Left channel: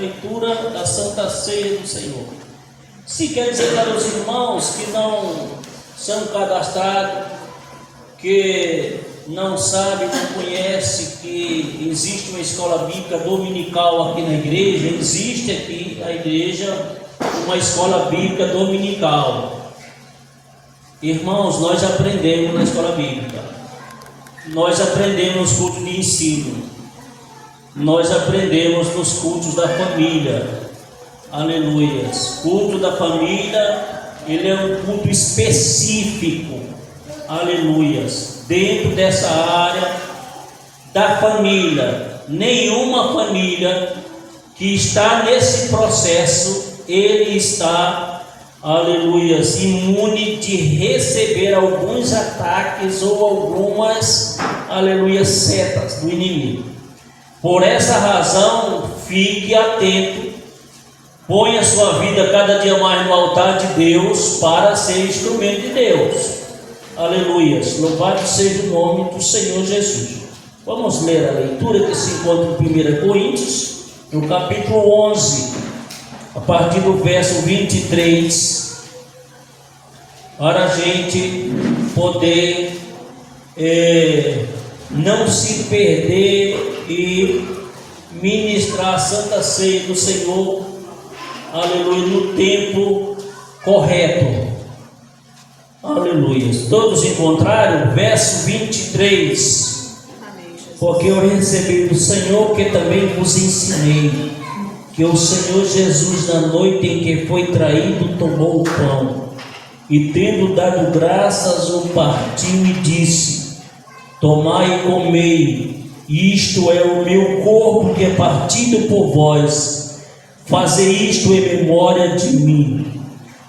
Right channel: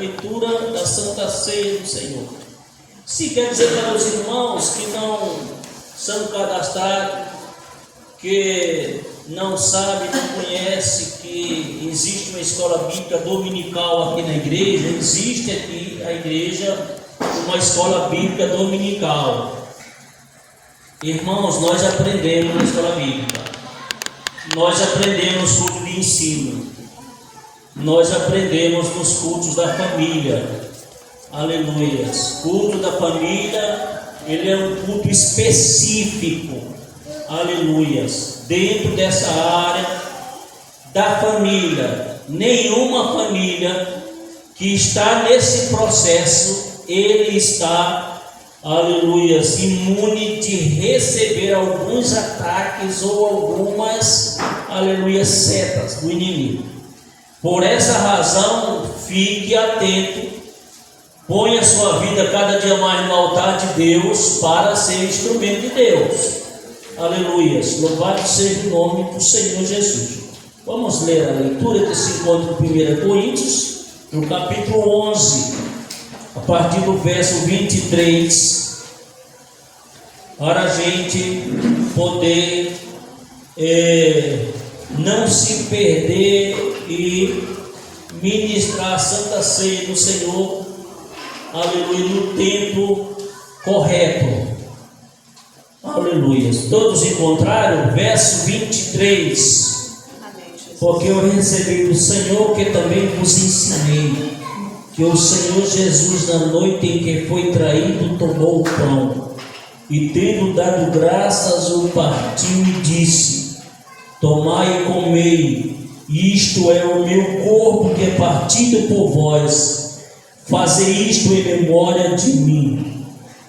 leitura da Santa Ceia do Senhor. Se quer dizer para os irmãos que não são cadastrados, que não sabe, não conhece que existe uma escola bíblica dominical aqui na igreja, existe aqui a igreja uma escola bíblica dominical. Irmãos, nós aprendemos na escola bíblica, nós aprendemos culto de ensino, nós aprendemos nos cultos da família, aleluias. Culto da família, ele é um culto específico, aleluias, dentro dessa área da família. Nenhuma família que está nesse processo, ele está, aleluias, imune de receber alguns ataques ou algumas, aleluias, setas do inimigo. Por essa razão, fique atento, ponha sua vida cada dia mais no altar de Deus para ser instrumento de Deus. Aleluias, louvado seja o nome do Senhor Jesus. Vamos ler a leitura que se encontra em 1 Coríntios, no capítulo 11, a partir do verso 23, para a gente poder não se perder e ministrar a Santa Ceia do Senhor, aleluia, no tempo correto. Aleluia. Todos encontraram? Verso 23. Porque eu recebi do Senhor que também vos ensinei, que o Senhor Jesus, na noite em que foi traído, tomou o pão e, tendo dado graças, o partiu e disse: tomai e comei, isto é o meu corpo que é partido por vós, fazei isto em memória de mim.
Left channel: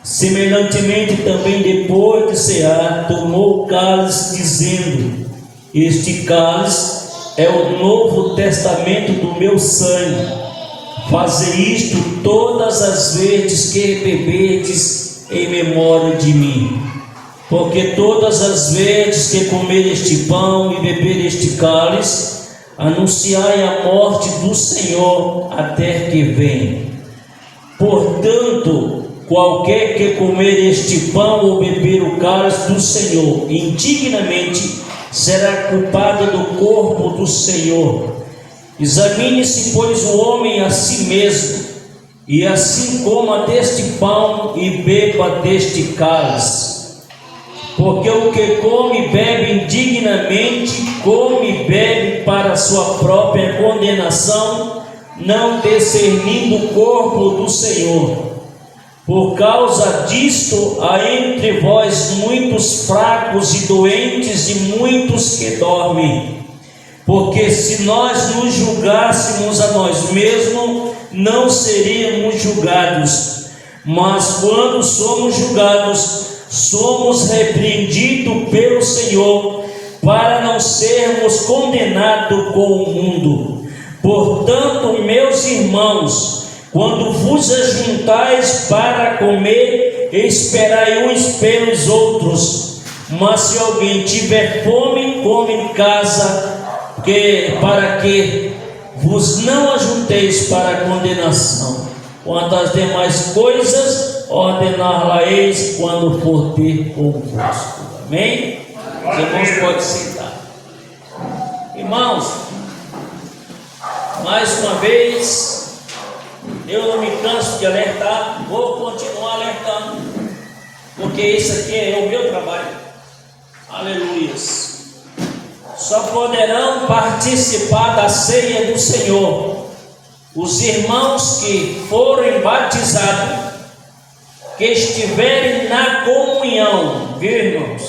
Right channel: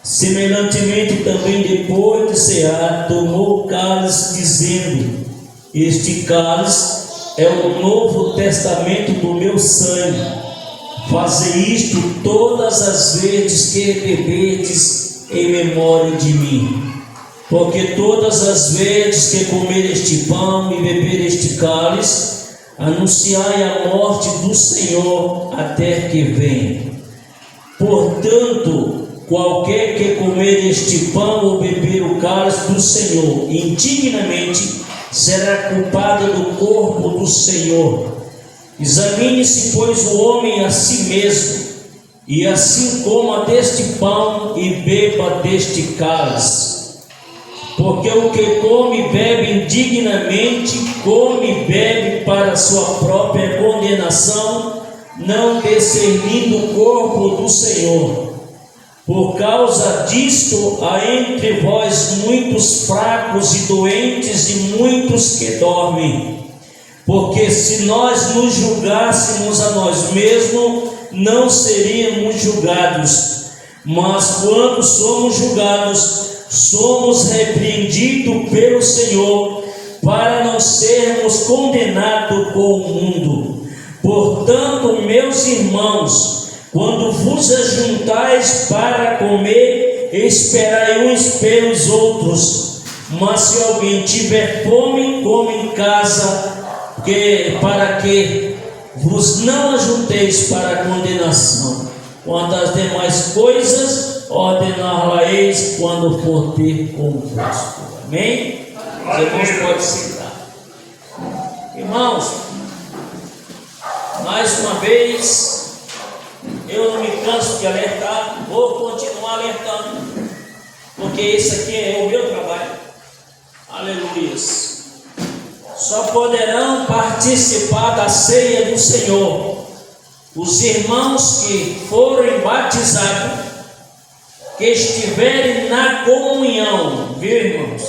Semelhantemente também, depois de cear, tomou o cálice, dizendo: este cálice é o novo testamento do meu sangue, fazei isto todas as vezes que beberdes em memória de mim. Porque todas as vezes que comer este pão e beber este cálice, anunciai a morte do Senhor até que venha. Portanto, qualquer que comer este pão ou beber o cálice do Senhor indignamente, será culpado do corpo do Senhor. Examine-se, pois, o homem a si mesmo, e assim coma deste pão e beba deste cálice. Porque o que come e bebe indignamente, come e bebe para a sua própria condenação, não discernindo o corpo do Senhor. Por causa disto, há entre vós muitos fracos e doentes e muitos que dormem. Porque se nós nos julgássemos a nós mesmos, não seríamos julgados. Mas quando somos julgados, somos repreendidos pelo Senhor, para não sermos condenados com o mundo. Portanto, meus irmãos, quando vos ajuntais para comer, esperai uns pelos outros. Mas se alguém tiver fome, come em casa, para que vos não ajunteis para a condenação. Quanto às demais coisas, ordenar-la-eis quando for ter convosco. Amém? Os irmãos podem sentar. Irmãos, mais uma vez, eu não me canso de alertar, vou continuar alertando, porque esse aqui é o meu trabalho. Aleluias. Só poderão participar da ceia do Senhor os irmãos que forem batizados, que estiverem na comunhão, viu, irmãos?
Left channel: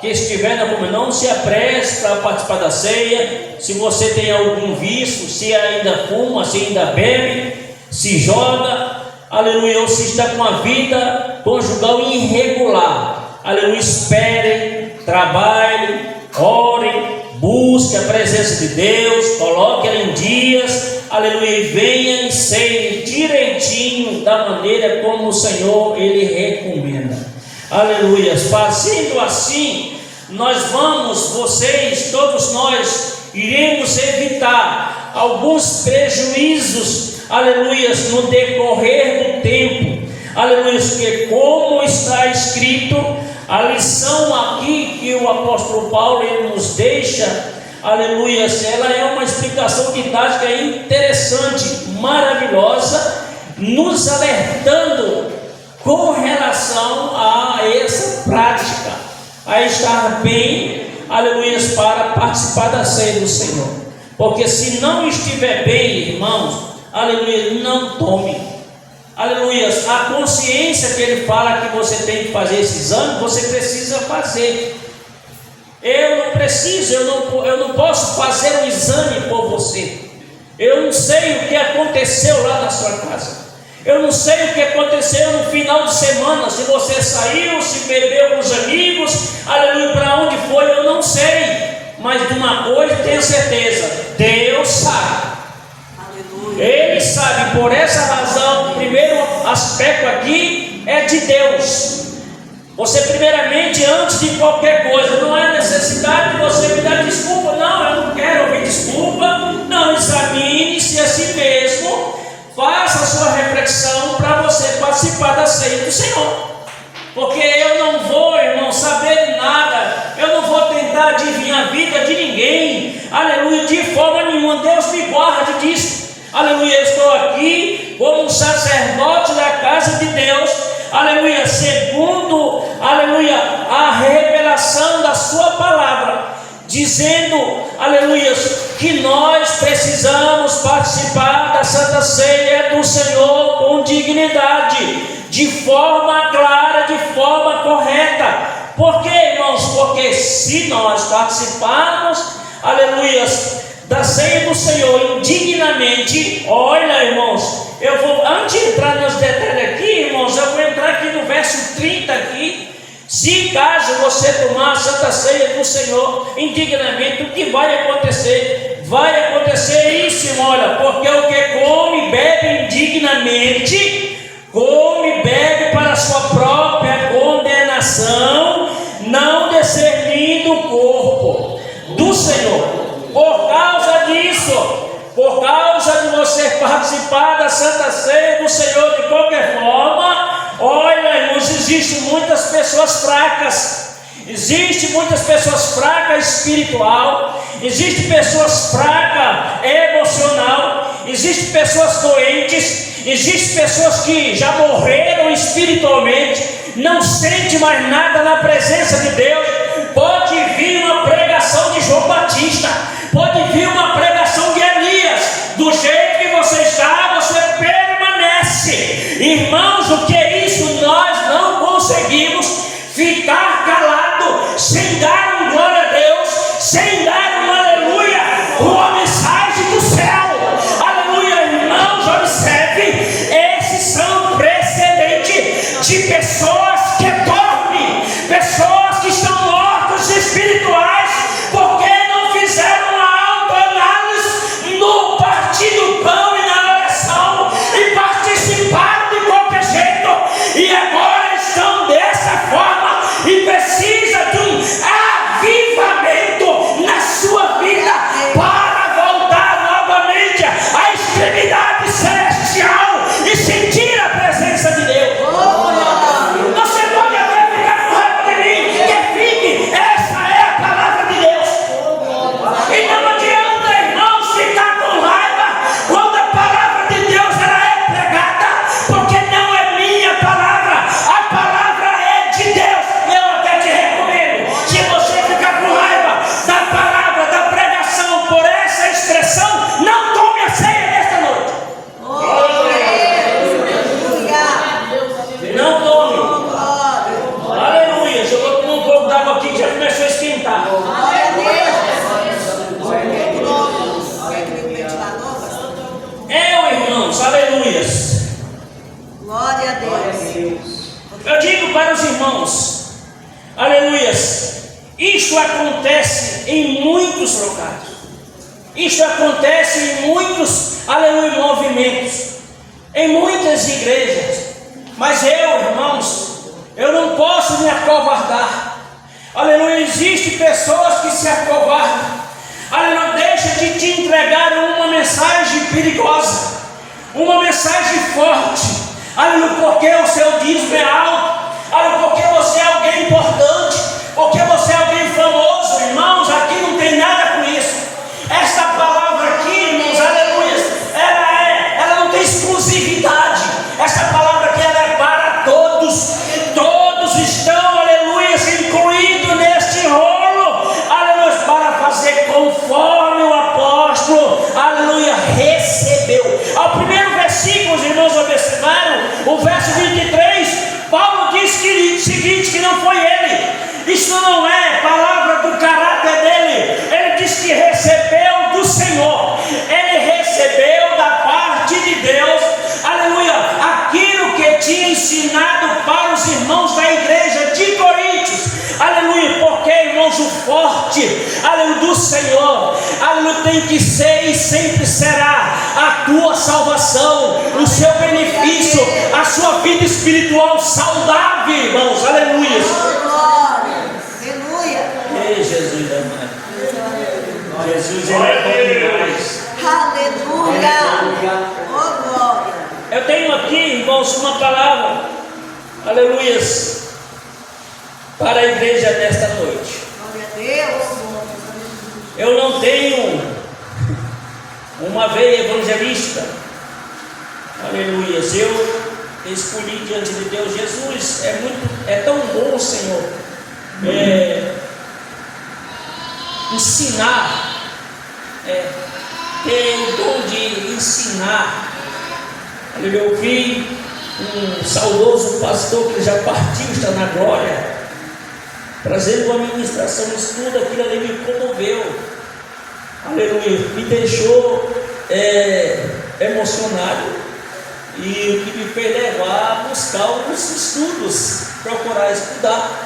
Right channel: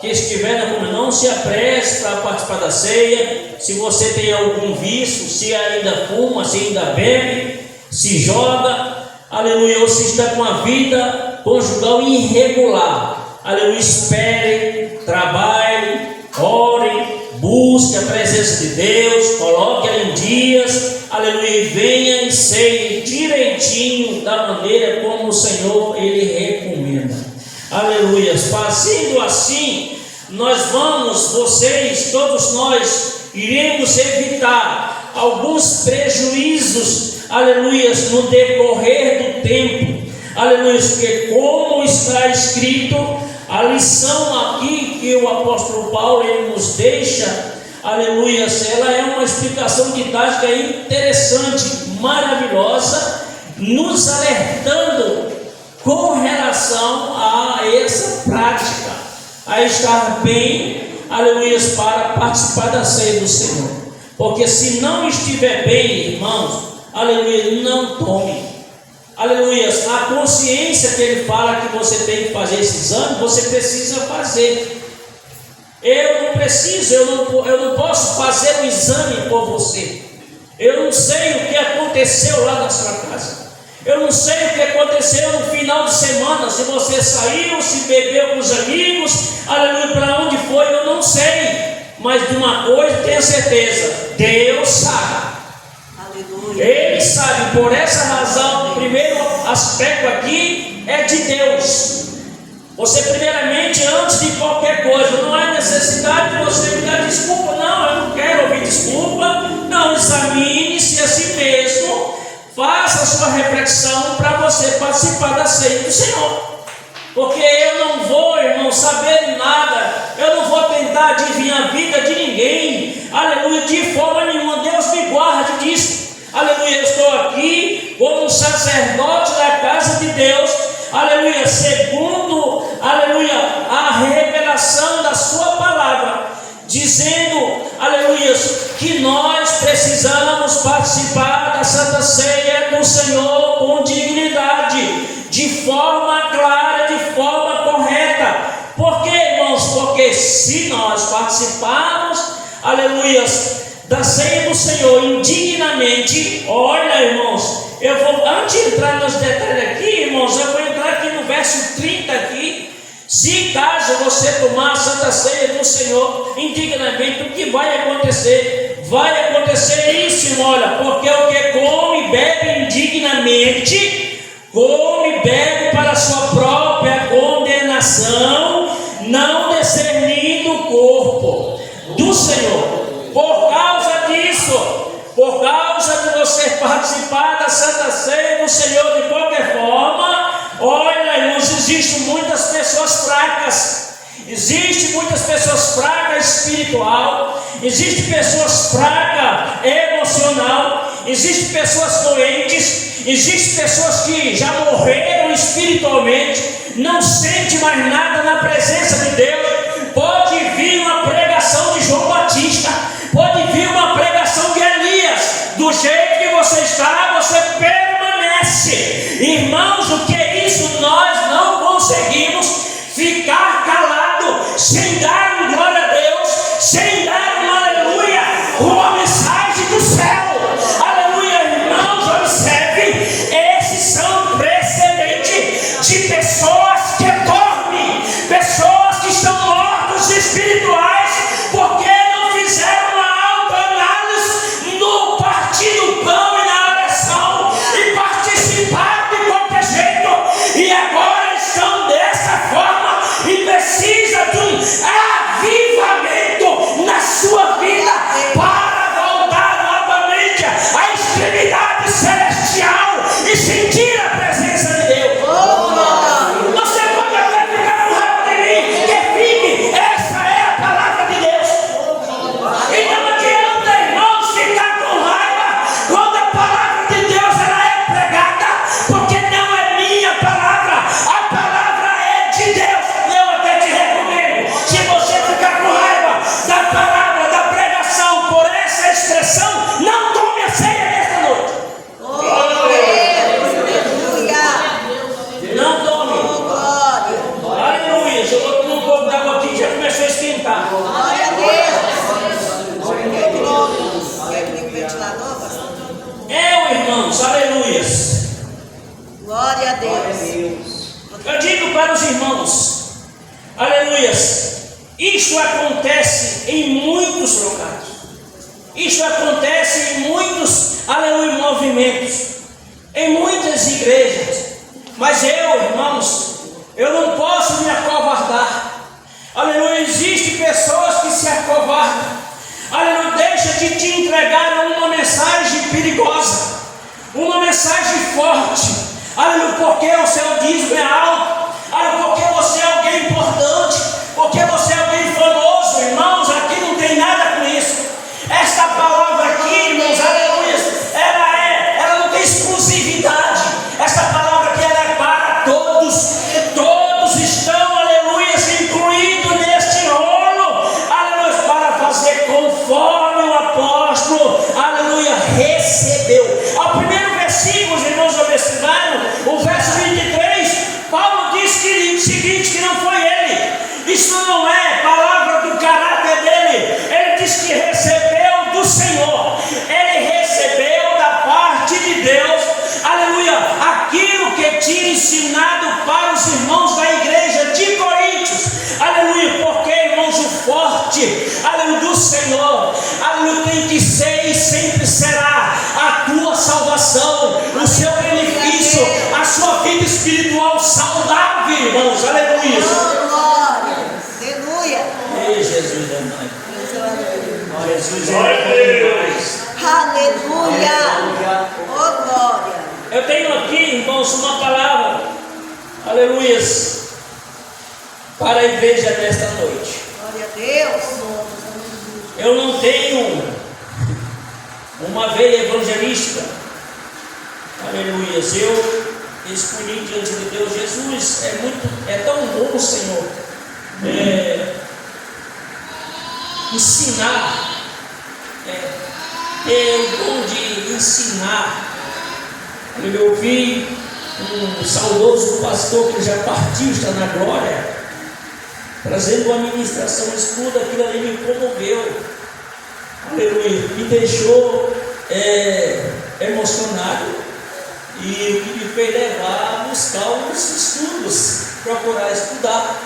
Que estiverem na comunhão. Não se apresse para participar da ceia. Se você tem algum vício, se ainda fuma, se ainda bebe, se joga, aleluia, ou se está com uma vida conjugal irregular, aleluia, espere, trabalhe, ore, busque a presença de Deus, coloque ela em dias, aleluia, e venha e ceie direitinho, da maneira como o Senhor ele recomenda, aleluia. Fazendo assim, nós vamos, vocês, todos nós, iremos evitar alguns prejuízos, aleluias, no decorrer do tempo, aleluias, porque como está escrito, a lição aqui que o apóstolo Paulo ele nos deixa, aleluias, ela é uma explicação didática interessante, maravilhosa, nos alertando com relação a essa prática, a estar bem, aleluias, para participar da ceia do Senhor. Porque se não estiver bem, irmãos, aleluia, não tome. Aleluias, a consciência que ele fala que você tem que fazer esse exame, você precisa fazer. Eu não preciso, eu não posso fazer o exame por você. Eu não sei o que aconteceu lá na sua casa. Eu não sei o que aconteceu no final de semana, se você saiu, se bebeu com os amigos, aleluia, para onde foi, eu não sei. Mas de uma coisa tenho certeza, Deus sabe. Ele sabe, por essa razão, o primeiro aspecto aqui é de Deus. Você primeiramente, antes de qualquer coisa, não há necessidade de você me dar desculpa. Não, eu não quero ouvir desculpa. Não, examine-se a si mesmo. Faça a sua reflexão para você participar da ceia do Senhor. Porque eu não vou, irmão, saber de nada. Eu não vou tentar adivinhar a vida de ninguém. Aleluia, de forma nenhuma. Deus me guarde disso. Aleluia, eu estou aqui como um sacerdote da casa de Deus, aleluia, segundo, aleluia, a revelação da sua palavra, dizendo, aleluia, que nós precisamos participar da Santa Ceia do Senhor com dignidade, de forma clara, de forma correta. Por quê, irmãos? Porque se nós participarmos, aleluia, da ceia do Senhor indignamente, olha, irmãos, eu vou, antes de entrar nos detalhes aqui, irmãos, eu vou entrar aqui no verso 30 aqui. Se caso você tomar a Santa Ceia do Senhor indignamente, o que vai acontecer? Vai acontecer isso, irmão, olha, porque o que come e bebe indignamente, come e bebe para a sua própria condenação, não discernindo o corpo do Senhor. Por causa disso, por causa de você participar da Santa Ceia do Senhor de qualquer forma, olha, irmãos, existem muitas pessoas fracas. Existem muitas pessoas fracas espiritual, existem pessoas fracas emocional, existem pessoas doentes, existem pessoas que já morreram espiritualmente, não sentem mais nada na presença de Deus. Pode vir uma pregação de João Batista, pode vir uma pregação de Elias, do jeito que você está, você permanece. Irmãos, o que é isso? Nós não conseguimos ficar calados, sem dar um glória a Deus, sem dar um aleluia, uma mensagem do céu. Aleluia, irmãos, observe, esses são precedentes de pessoas que dormem, pessoas que estão mortas espirituais, porque não fizeram uma autoanálise no partir do pão e na oração, e participaram de qualquer jeito, e agora estão dessa forma, e precisa de um avivamento na sua vida, para voltar novamente à extremidade celestial, e sentir a presença de Deus. Você pode até ficar com raiva de mim, que fique, essa é a palavra de Deus. E não adianta, irmãos, ficar com raiva quando a palavra de Deus ela é pregada, porque não é minha palavra, a palavra é de Deus. Eu até te recomendo, se você ficar com raiva da palavra, da pregação, por essa expressão, não tome a ceia nesta noite. Não tome. Aleluia. Eu vou tomar um pouco d'água aqui que já começou a esquentar. Glória a Deus. Quer que ligue o ventilador, pastor? Irmãos, aleluias. Glória a Deus. Eu digo para os irmãos, aleluias, isso acontece em muitos locais. Isso acontece em muitos, aleluia, movimentos, em muitas igrejas. Mas eu, irmãos, eu não posso me acovardar. Aleluia, existem pessoas que se acovardam. Aleluia, deixa de te entregar uma mensagem perigosa, uma mensagem forte, aleluia, porque o seu dízimo é alto, aleluia, porque você é alguém importante, porque você é alguém famoso, irmãos. Aqui não tem nada com isso. Esta palavra aqui, irmãos, aleluia, ela não tem exclusividade. Esta palavra aqui ela é para todos, todos estão, aleluia, incluídos neste rolo, aleluia, para fazer conforme o apóstolo, aleluia, recebeu. Ao primeiro versículo, os irmãos observaram, o verso 23, Paulo diz que o seguinte, que não foi ele, isso não é palavra do caráter dele, ele diz que recebeu do Senhor, ele recebeu da parte de Deus, aleluia, aquilo que tinha ensinado para os irmãos da igreja de Coríntios, aleluia, porque, irmãos, o forte, aleluia, do Senhor, aleluia, tem que ser e sempre será a tua salvação, o seu benefício, a sua vida espiritual saudável, irmãos, aleluia. Oh, glória. Aleluia. Ei, Jesus amado. Jesus é demais. Aleluia. Oh, glória. Eu tenho aqui, irmãos, uma palavra, aleluia, para a igreja nesta noite. Glória a Deus. Eu não tenho uma veia evangelística, aleluia. Eu escolhi diante de Deus. Jesus é tão bom, Senhor, ensinar, ter o dom de ensinar. Aleluia. Eu vi um saudoso pastor que já partiu, está na glória, trazendo uma ministração, estudo, aquilo ali me comoveu, aleluia, me deixou emocionado, e o que me fez levar a buscar os estudos, procurar estudar.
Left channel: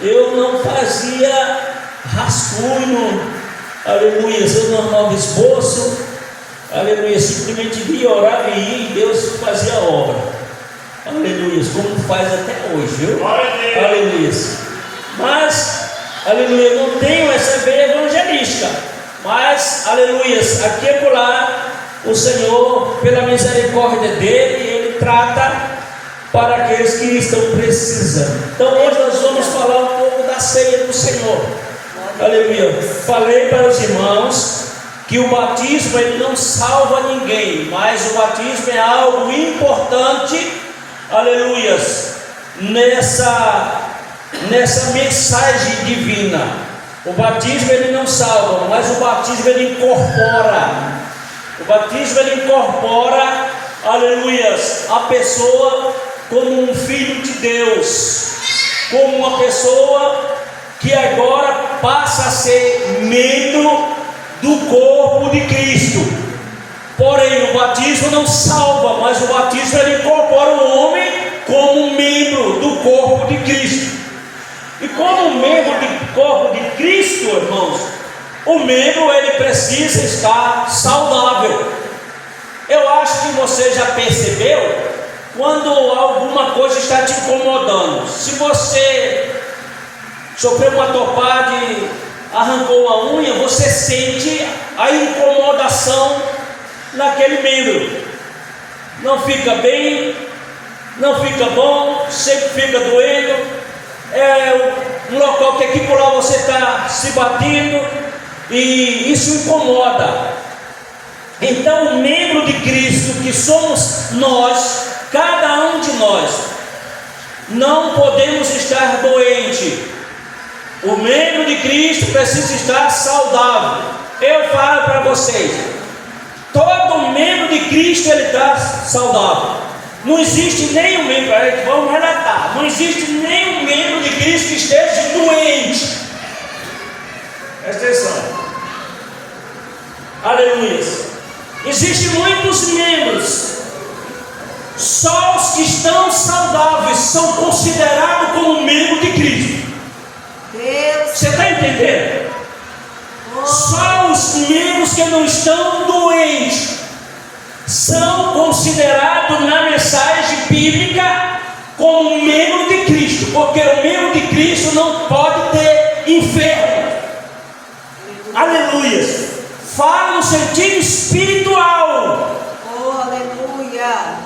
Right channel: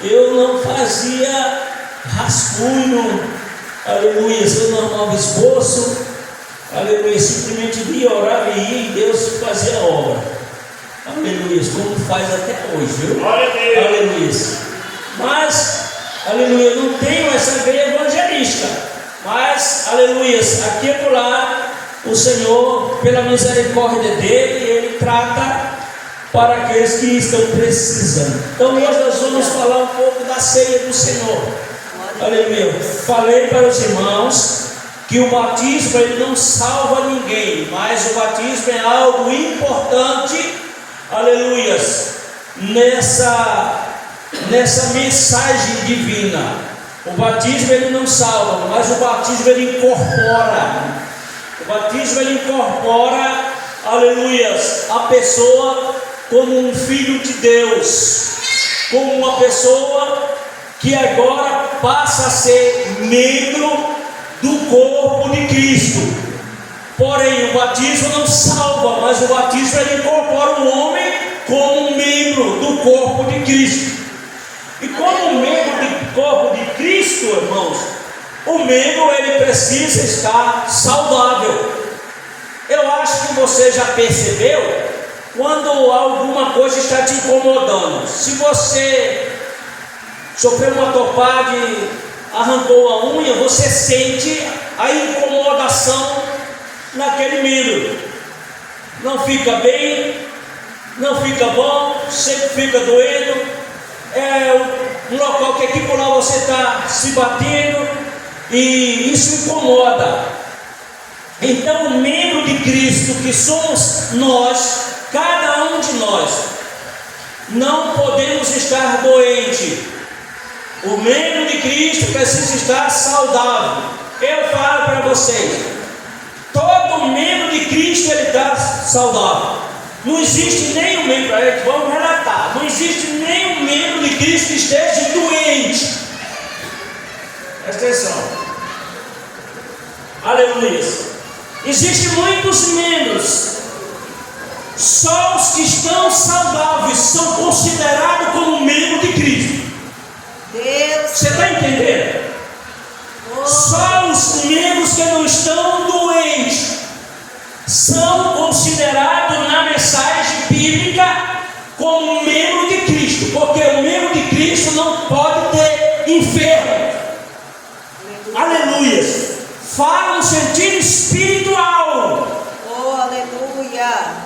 Eu não fazia rascunho, aleluia, eu não arrumava esboço, aleluia, simplesmente via, orava e ia, e Deus fazia a obra, aleluia, como faz até hoje, viu? Aleluia. Mas, aleluia, não tenho essa veia evangelística, mas, aleluia, aqui e por lá, o Senhor, pela misericórdia dele, ele trata para aqueles que estão precisando. Então hoje nós vamos falar um pouco da ceia do Senhor. Aleluia. Falei para os irmãos que o batismo ele não salva ninguém, mas o batismo é algo importante, aleluia, nessa mensagem divina. O batismo ele não salva, mas o batismo ele incorpora. O batismo ele incorpora, aleluia, a pessoa como um filho de Deus, como uma pessoa que agora passa a ser membro do corpo de Cristo. Porém, o batismo não salva, mas o batismo ele incorpora o homem como um membro do corpo de Cristo. E como membro do corpo de Cristo, irmãos, o membro ele precisa estar saudável. Eu acho que você já percebeu quando alguma coisa está te incomodando. Se você sofreu uma topada e arrancou a unha, você sente a incomodação naquele membro. Não fica bem, não fica bom, sempre fica doendo. É um local que aqui por lá você está se batendo, e isso incomoda. Então, o membro de Cristo que somos nós, cada um de nós, não podemos estar doente. O membro de Cristo precisa estar saudável. Eu falo para vocês, todo membro de Cristo ele está saudável. Não existe nenhum membro, vamos relatar, não existe nenhum membro de Cristo que esteja doente. Presta atenção. Aleluia. Existem muitos membros, só os que estão saudáveis são considerados como membro de Cristo. Deus. Você está entendendo? Só os membros que não estão doentes são considerados na mensagem bíblica como membro de Cristo, porque o membro de Cristo não pode ter enfermo. Aleluia. Fala no sentido espiritual.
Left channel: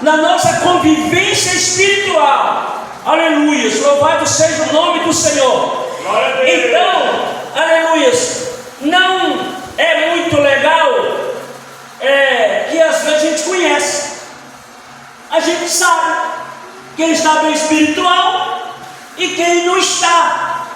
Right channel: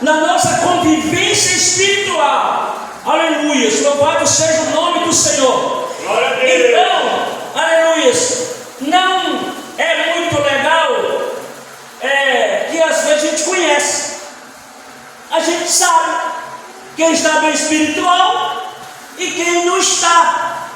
na nossa convivência espiritual. Aleluia, louvado seja o nome do Senhor. Então, aleluia, não é muito legal que às vezes a gente conhece, a gente sabe quem está bem espiritual e quem não está.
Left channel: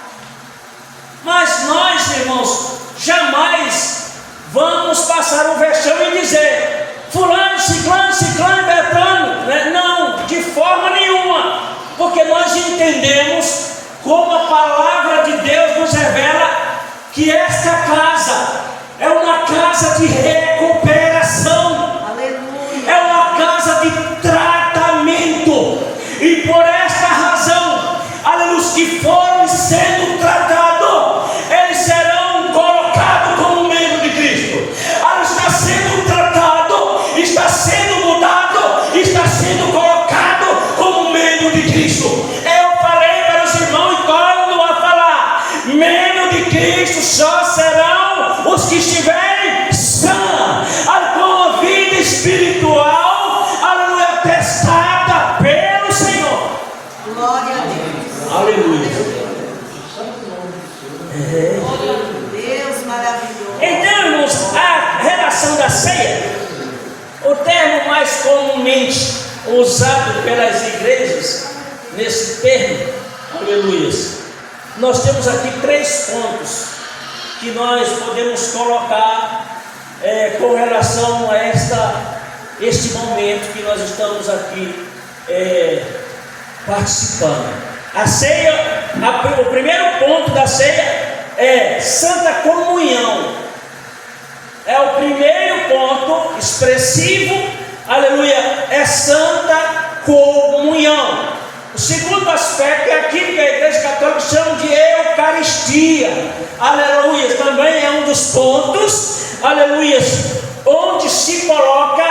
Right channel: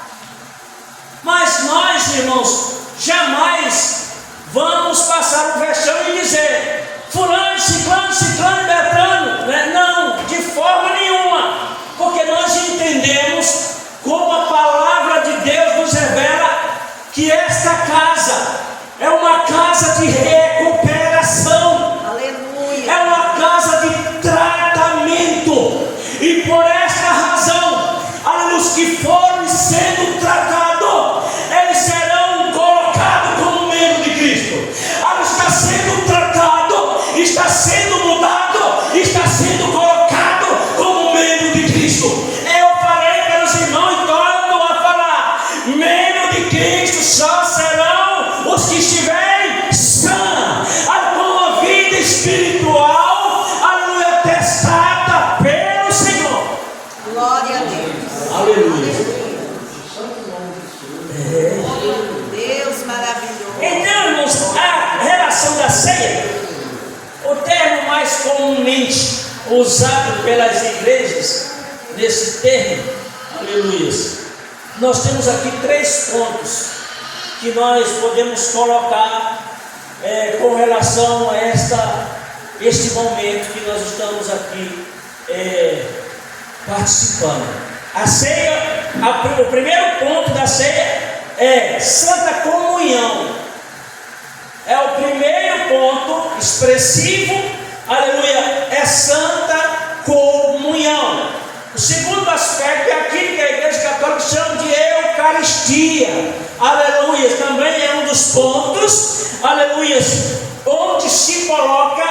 Mas nós, irmãos, jamais vamos passar um vexame e dizer fulano, ciclano, beltrano, né? Não, de forma nenhuma, porque nós entendemos, como a palavra de Deus nos revela, que esta casa é uma casa de recuperação. Aleluia. É uma casa de tratamento, e por esta razão, os que forem sendo tratados, eles serão colocados como membro de Cristo. Está sendo tratado, está sendo mudado, está sendo colocado como membro de Cristo. Eu falei para os irmãos e torno a falar: membro de Cristo só serão os que estiverem sãos, com a vida espiritual, aleluia, testada pelo Senhor. Glória a Deus. Aleluia. Deus maravilhoso. Então, irmãos, a relação da ceia, o termo mais comumente usado pelas igrejas, nesse termo, aleluia, nós temos aqui 3 pontos que nós podemos colocar com relação a este momento que nós estamos aqui participando. A ceia, o primeiro ponto da ceia é Santa Comunhão. É o primeiro ponto expressivo, aleluia, é Santa Comunhão. O segundo aspecto é aquilo que a Igreja Católica chama de Eucaristia, aleluia, também é um dos pontos, aleluia, onde se coloca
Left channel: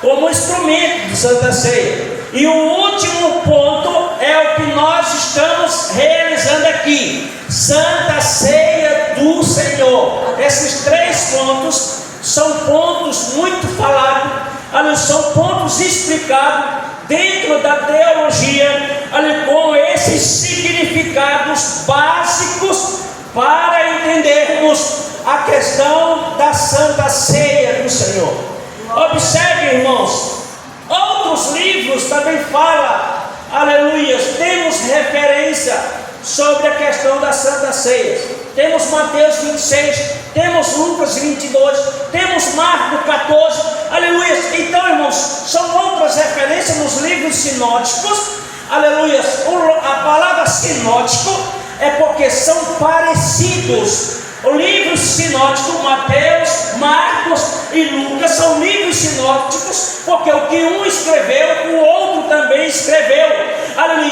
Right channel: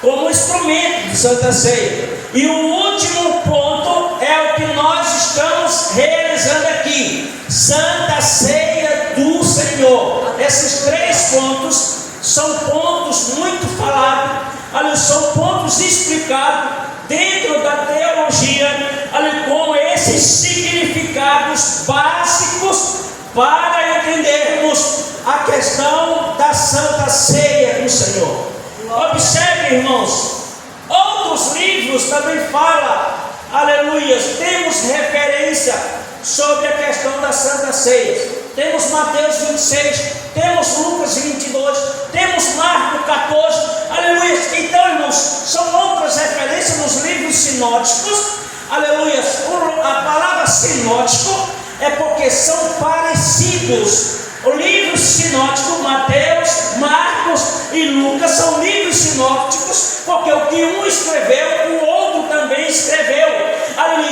como instrumento de Santa Ceia. E o último ponto é o que nós estamos realizando aqui, Santa Ceia do Senhor. Esses 3 pontos são pontos muito falados, são pontos explicados dentro da teologia, com esses significados básicos para entendermos a questão da Santa Ceia do Senhor. Observe, irmãos, outros livros também falam, aleluia, temos referência sobre a questão da Santa Ceia. Temos Mateus 26, temos Lucas 22, temos Marcos 14, aleluia. Então, irmãos, são outras referências nos livros sinóticos, aleluia. A palavra sinótico é porque são parecidos. O livro sinótico, Mateus, Marcos e Lucas, são livros sinóticos, porque o que um escreveu, o outro também escreveu.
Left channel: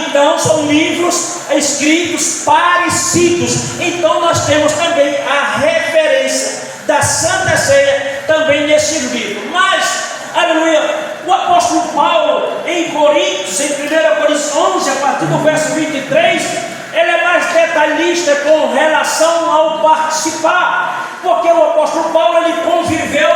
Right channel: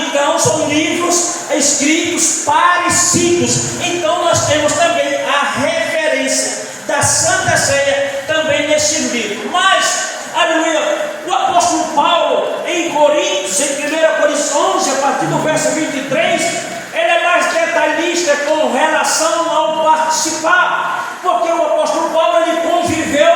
Então, são livros escritos parecidos. Então, nós temos também a referência da Santa Ceia também nesse livro. Mas, aleluia, o apóstolo Paulo, em Coríntios, em 1 Coríntios 11, a partir do verso 23, ele é mais detalhista com relação ao participar, porque o apóstolo Paulo, ele conviveu,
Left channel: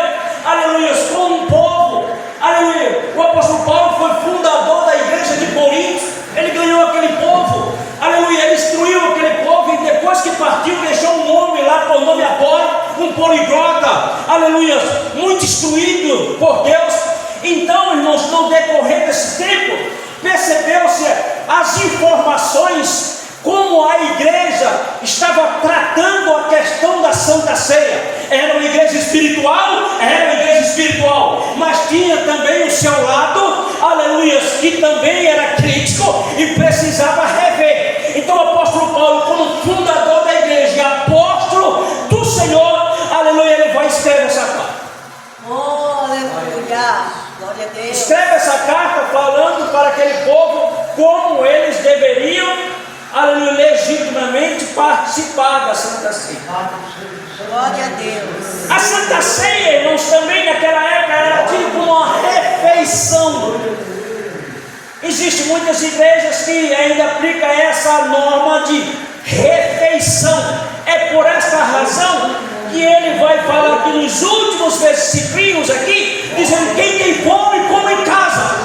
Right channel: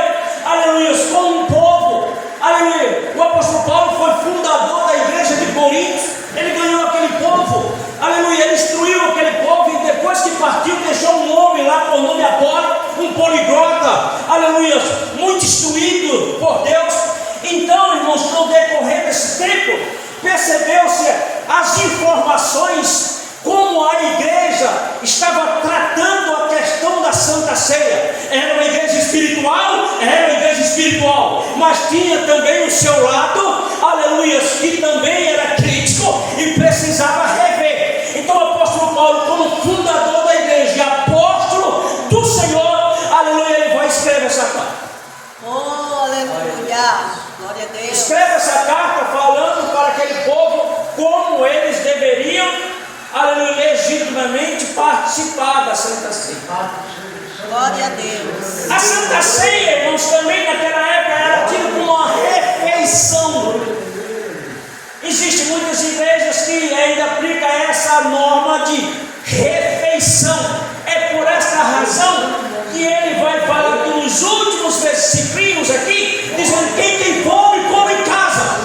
aleluia, com um povo, aleluia. O apóstolo Paulo foi fundador da igreja de Corinto, ele ganhou aquele povo, aleluia, ele instruiu aquele povo, e depois que partiu, deixou um homem lá com o nome Apolo, um poliglota, aleluia, muito instruído por Deus. Então, irmãos, no decorrer desse tempo, percebeu-se as informações, como a igreja estava tratando a questão da Santa Ceia. Era uma igreja espiritual? Era uma igreja espiritual, mas tinha também o seu lado, aleluia, que também era crítico e precisava rever. Então o apóstolo Paulo, como fundador da igreja e apóstolo do Senhor, aleluia, ele vai escrever essa carta. Oh, aleluia, glória a Deus. Escreve essa carta falando para aquele povo como eles deveriam, aleluia, legitimamente participar da Santa Ceia. Glória a Deus. A Santa Ceia, irmãos, também naquela época era tida como uma refeição. Existem muitas igrejas que ainda aplicam essa norma de refeição. É por essa razão que ele vai falar aqui nos últimos versículos aqui, dizendo: quem tem fome, come em casa.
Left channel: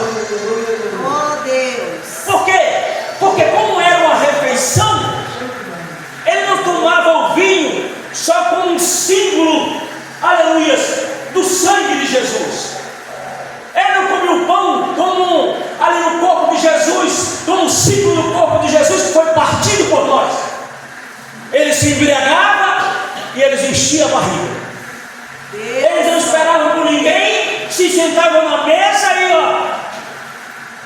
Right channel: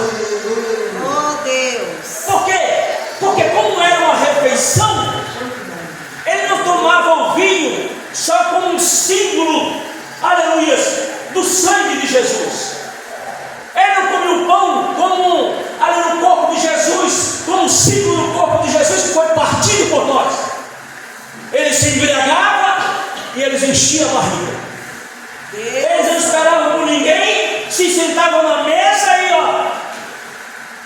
estavam na mesa e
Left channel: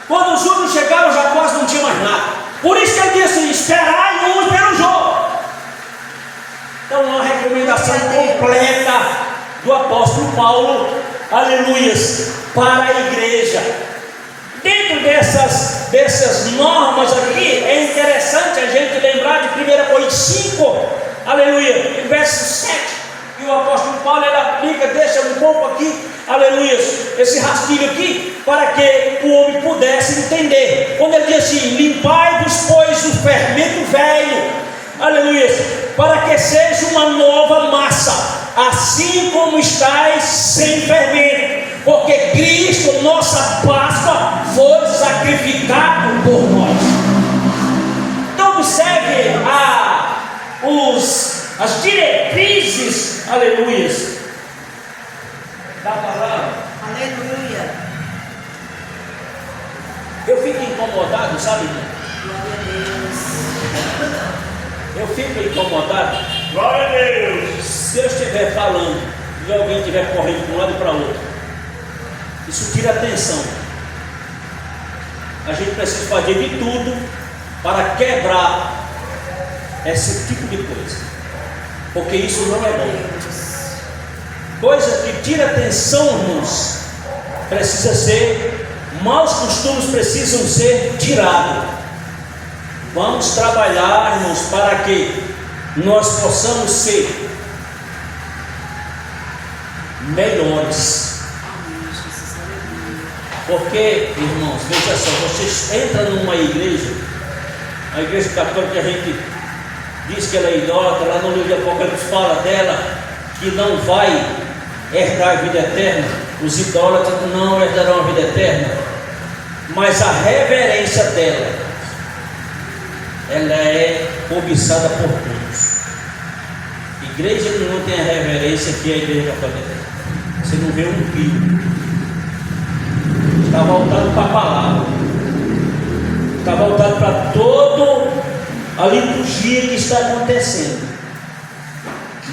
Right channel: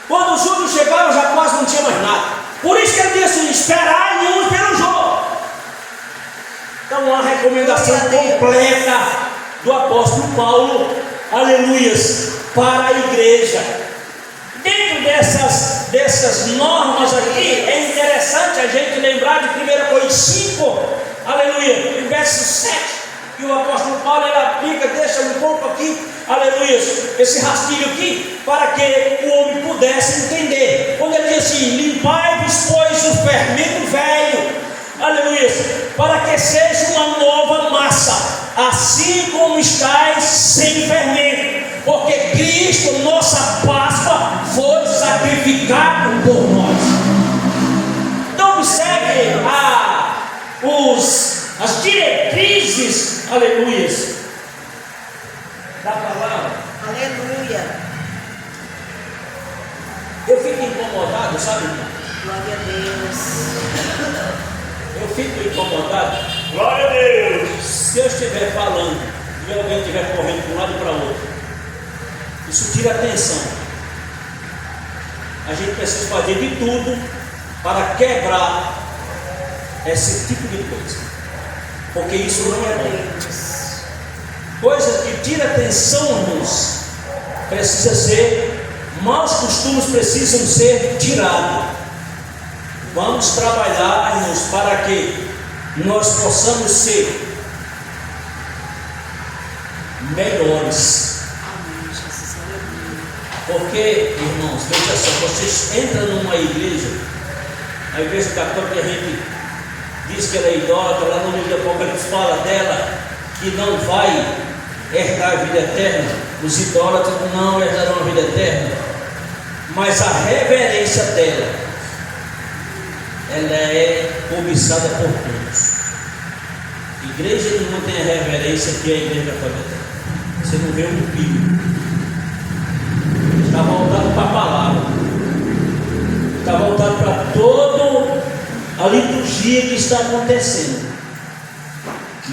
quando os outros chegaram já quase não tinha mais nada. Por isso que ele disse: esperai uns pelo jogo. Então, uma recomendação completa do apóstolo Paulo, aleluias, para a igreja. Dentro dessas normas aqui, é interessante a gente lembrar de 1 Coríntios 5, aleluia, verso 7, que o apóstolo Paulo ele aplica, deixa um pouco aqui, aleluia, esse rastilho aqui, para que o homem pudesse entender. Quando ele diz assim: limpai-vos, pois, o fermento velho, aleluia, para que seja uma nova massa, assim como estáis sem fermento, porque Cristo, nossa Páscoa, foi sacrificado por nós. Então observe as diretrizes, aleluias, da palavra. Aleluia. Eu fico incomodado, sabe, irmão? Glória a Deus. Eu fico incomodado. Glória a Deus. Se eu estiver falando e alguém estiver correndo para um lado e para o outro, isso tira atenção. A gente precisa fazer de tudo para quebrar esse tipo de coisa, porque isso não é bom. Coisa que tira atenção, irmãos, precisa ser, maus costumes precisam ser tirados. Vamos trabalhar, irmãos, para que nós possamos ser melhores. Amém, Jesus, aleluia. Porque, irmãos, veja só, vocês entram numa igreja, a igreja católica, a gente diz que ela é idólatra, lá no livro de Apocalipse fala dela, que não vai herdar a vida eterna. Os idólatras não herdarão a vida eterna, mas a reverência dela, ela é cobiçada por todos. Igreja que não tem a reverência que é a igreja católica. Você não vê um filho. Está voltado para a palavra, está voltado para toda a liturgia que está acontecendo.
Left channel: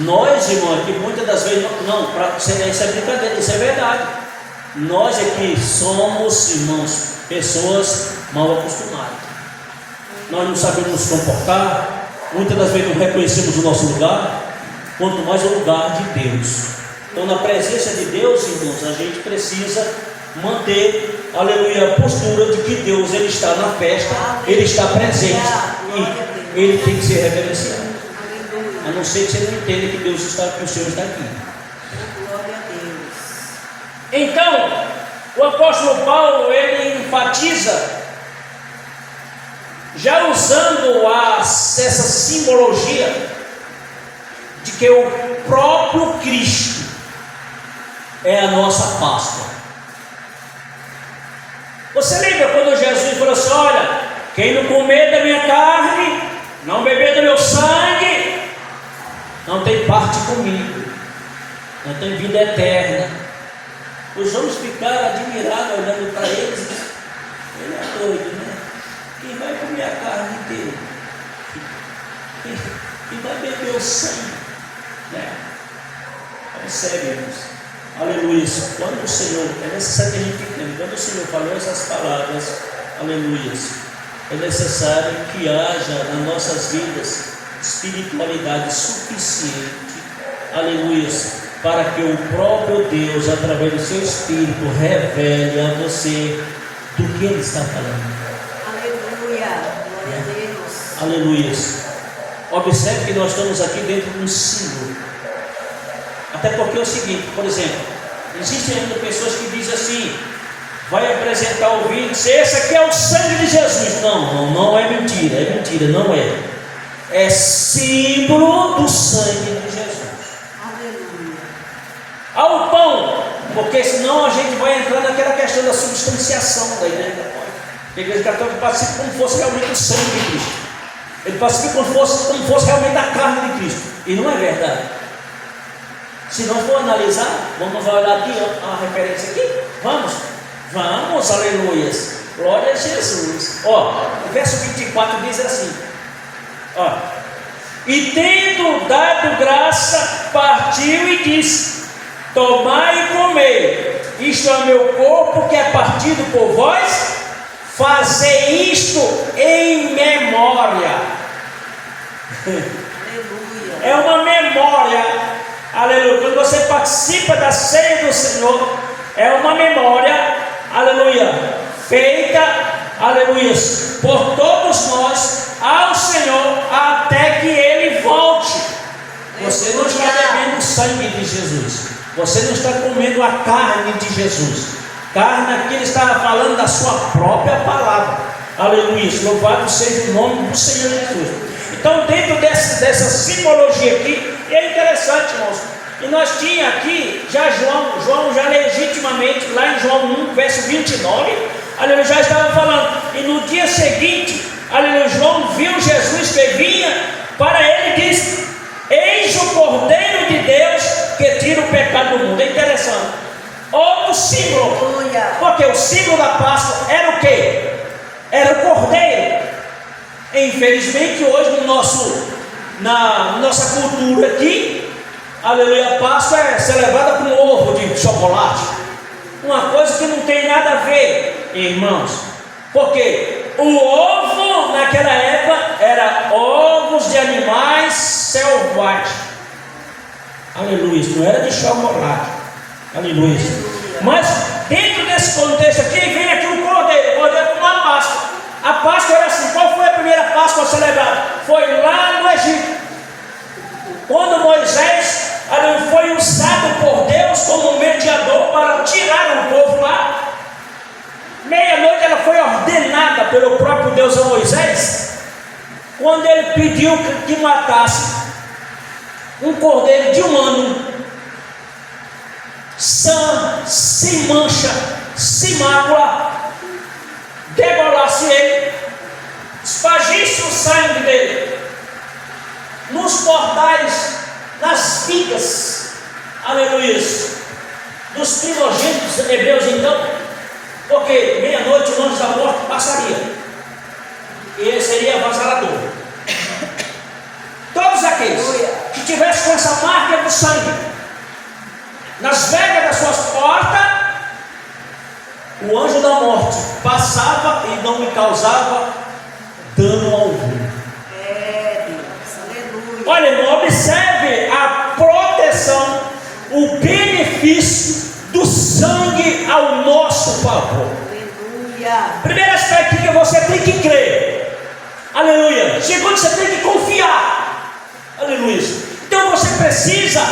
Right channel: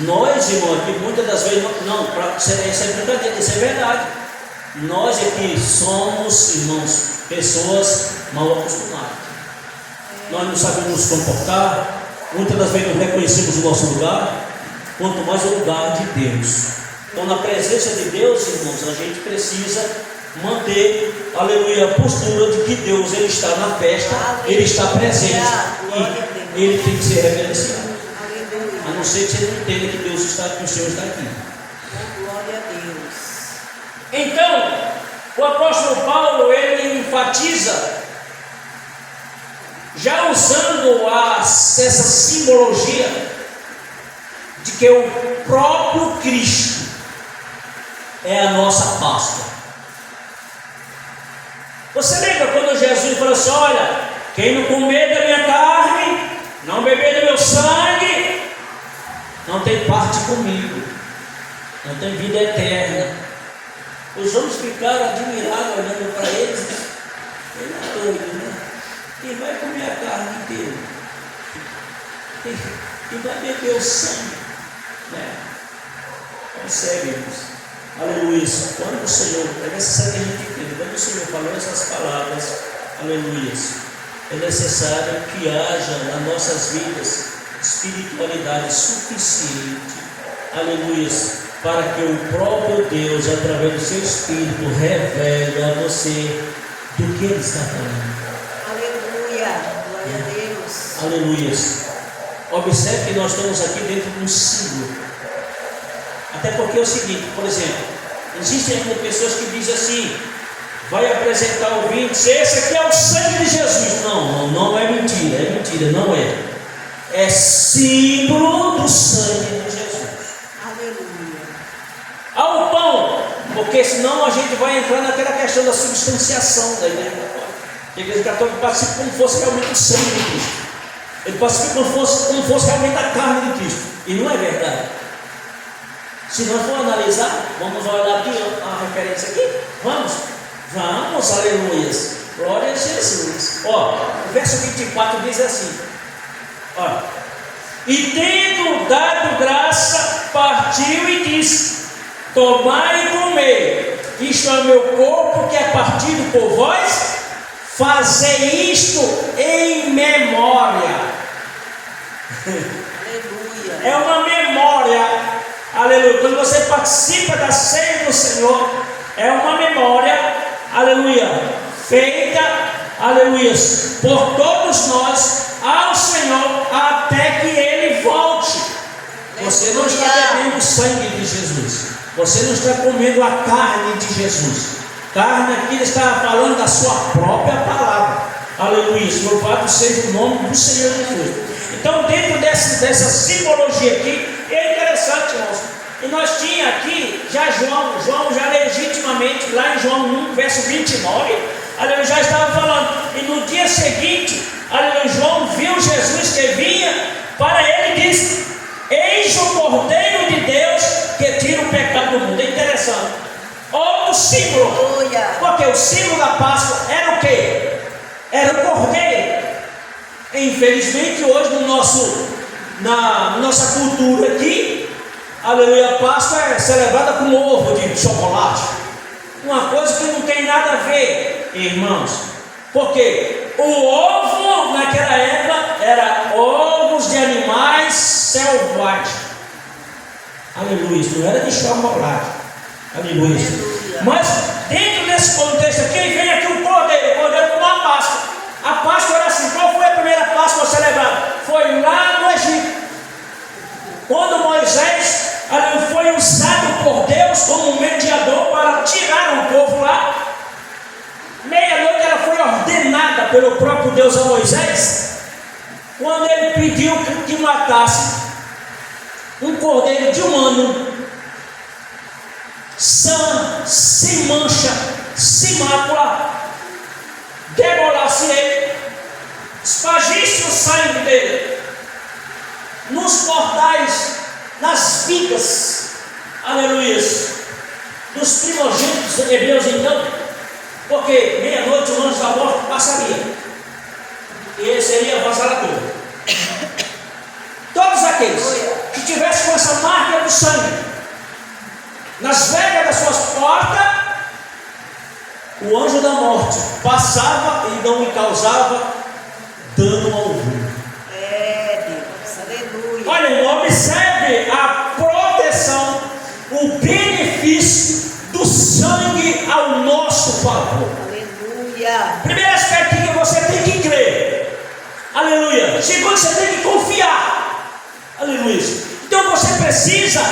Nós, irmãos, que muitas das vezes isso é brincadeira, isso é verdade. Nós é que somos, irmãos, pessoas mal acostumadas. Nós não sabemos nos comportar, muitas das vezes não reconhecemos o nosso lugar, quanto mais o lugar de Deus. Então, na presença de Deus, irmãos, a gente precisa manter, aleluia, a postura de que Deus ele está na festa, ele está presente e ele tem que ser reverenciado. A não ser que você não entenda que Deus está aqui, o Senhor está aqui. Glória a Deus. Então, o apóstolo Paulo ele enfatiza, já usando essa simbologia de que o próprio Cristo é a nossa Páscoa. Você lembra quando Jesus falou assim: olha, quem não comer da minha carne, não beber do meu sangue, não tem parte comigo, não tem vida eterna. Os homens ficaram admirados olhando para eles. Ele é doido, né? Quem vai comer a carne dele? Quem vai beber o sangue? Né? Observe, irmãos. Aleluia. Quando o Senhor, é necessário que a gente entenda, quando o Senhor falou essas palavras, aleluia, é necessário que haja nas nossas vidas espiritualidade suficiente, aleluia, para que o próprio Deus, através do seu Espírito, revele a você do que Ele está falando. Aleluia, glória a Deus. Aleluia. Observe que nós estamos aqui dentro de um símbolo. Até porque é o seguinte, por exemplo, existem ainda pessoas que dizem assim: vai apresentar o vinho, esse aqui é o sangue de Jesus. Não é mentira, não é. É símbolo do sangue de Jesus. Aleluia. Ao pão, porque senão a gente vai entrar naquela questão da substanciação da igreja católica. A igreja católica participa como fosse realmente o sangue de Cristo. Ele participa como fosse realmente a carne de Cristo. E não é verdade. Se nós for analisar, vamos olhar aqui a referência aqui. Vamos, aleluias. Glória a Jesus. O verso 24 diz assim: e tendo dado graça, partiu e disse: tomai e comei, isto é o meu corpo que é partido por vós, fazei isto em memória. Aleluia. É uma memória, aleluia. Quando você participa da ceia do Senhor, é uma memória, aleluia, feita, aleluia, por todos nós ao Senhor até que Ele volte. Você não está bebendo o sangue de Jesus, você não está comendo a carne de Jesus. Carne aqui ele estava falando da sua própria palavra, aleluia. Louvado seja o nome do Senhor Jesus. Então, dentro dessa simbologia aqui, é interessante, irmãos. E nós tínhamos aqui, já João já legitimamente, lá em João 1, verso 29, aleluia, já estava falando. E no dia seguinte, aleluia, João viu Jesus que vinha para ele e disse: eis o Cordeiro de Deus que tira o pecado do mundo. É interessante. Outro símbolo. Aleluia. Porque o símbolo da Páscoa era o quê? Era o Cordeiro. Infelizmente hoje na nossa cultura aqui, aleluia, a Páscoa é celebrada com ovo de chocolate, uma coisa que não tem nada a ver, irmãos, porque o ovo naquela época era ovos de animais selvagens, aleluia, isso não era de chocolate, aleluia. Mas dentro desse contexto aqui vem aqui o Cordeiro como uma Páscoa. A Páscoa era assim. Qual foi a primeira Páscoa celebrada? Foi lá no Egito, quando Moisés foi usado por Deus como mediador para tirar o povo lá. Meia-noite ela foi ordenada pelo próprio Deus a Moisés, quando ele pediu que matasse um cordeiro de um ano, sem mancha, sem mácula, degolasse ele, espagisse o sangue dele nos portais, nas vigas, aleluia, dos primogênitos hebreus. Então, porque meia-noite o anjo da morte passaria, e ele seria avassalador. Todos aqueles que tivessem com essa marca do sangue nas vegas das suas portas, o anjo da morte passava e não lhe causava dano algum. É, Deus, aleluia. Olha, irmão, observe a proteção, o benefício do sangue ao nosso favor. Aleluia. Primeiro aspecto que você tem que crer, aleluia. Segundo, você tem que confiar, aleluia. Então você precisa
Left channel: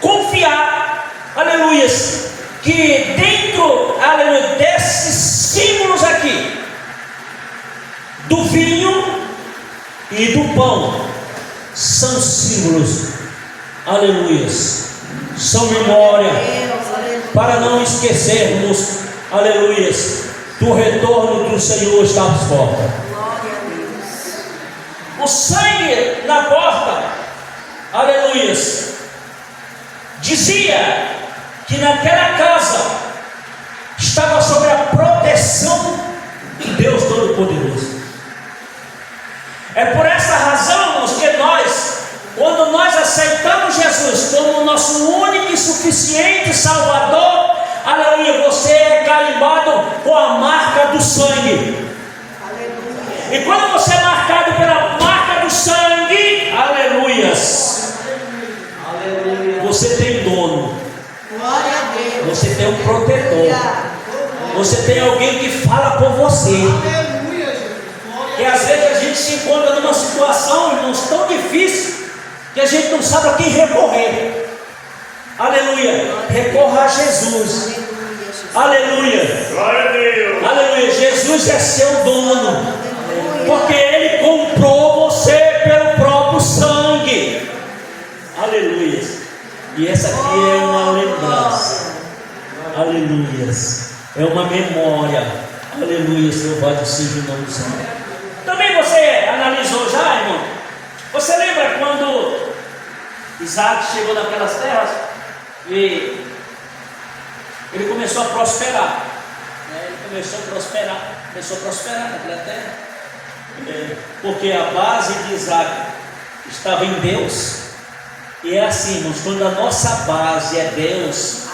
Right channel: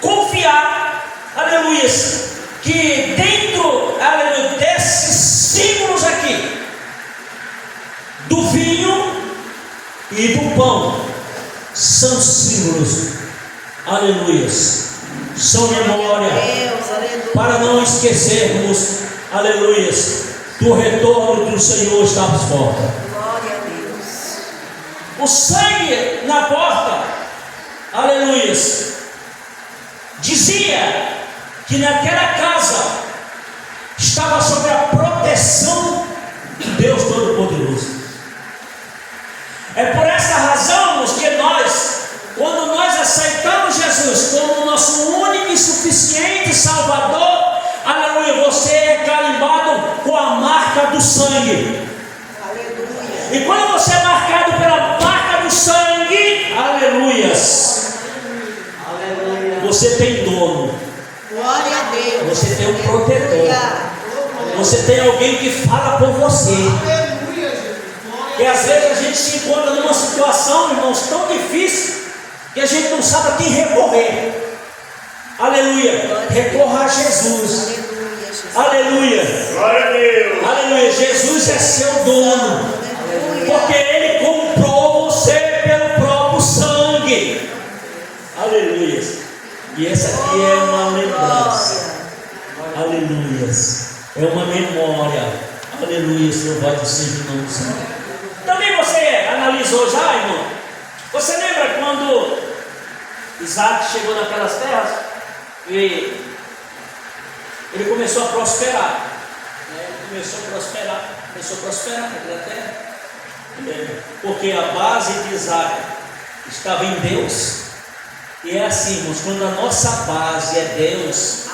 confiar, aleluia, que dentro, aleluia, desses símbolos aqui, do vinho e do pão, são símbolos, aleluia, são memória, Deus, aleluia. para não esquecermos, aleluia, do retorno do Senhor está às portas. Glória a Deus. O sangue na porta, aleluia, dizia que naquela casa estava sob a proteção de Deus Todo-Poderoso. É por essa razão que nós, quando nós aceitamos Jesus como nosso único e suficiente Salvador, aleluia, você é carimbado com a marca do sangue. Aleluia. E quando você é marcado pela marca do sangue, aleluia, você tem dono. Glória a Deus. Você tem um protetor. Aleluia. Você tem alguém que fala por você. Que às vezes a gente se encontra numa situação, irmãos, tão difícil, que a gente não sabe a quem recorrer. Aleluia. Recorra a Jesus. Aleluia, Jesus. Aleluia. Glória a Deus. Aleluia. Jesus é seu dono. Aleluia. Porque Ele comprou você pelo próprio sangue. Aleluia. E essa aqui é uma lembrança. Aleluia. É uma memória. Aleluia. Louvado seja o nome do Senhor. Também você analisou já, irmão? Você lembra quando Isaac chegou naquelas terras e ele começou a prosperar? Ele começou a prosperar naquela terra. Porque a base de Isaac estava em Deus. E é assim, irmãos, quando a nossa base é Deus,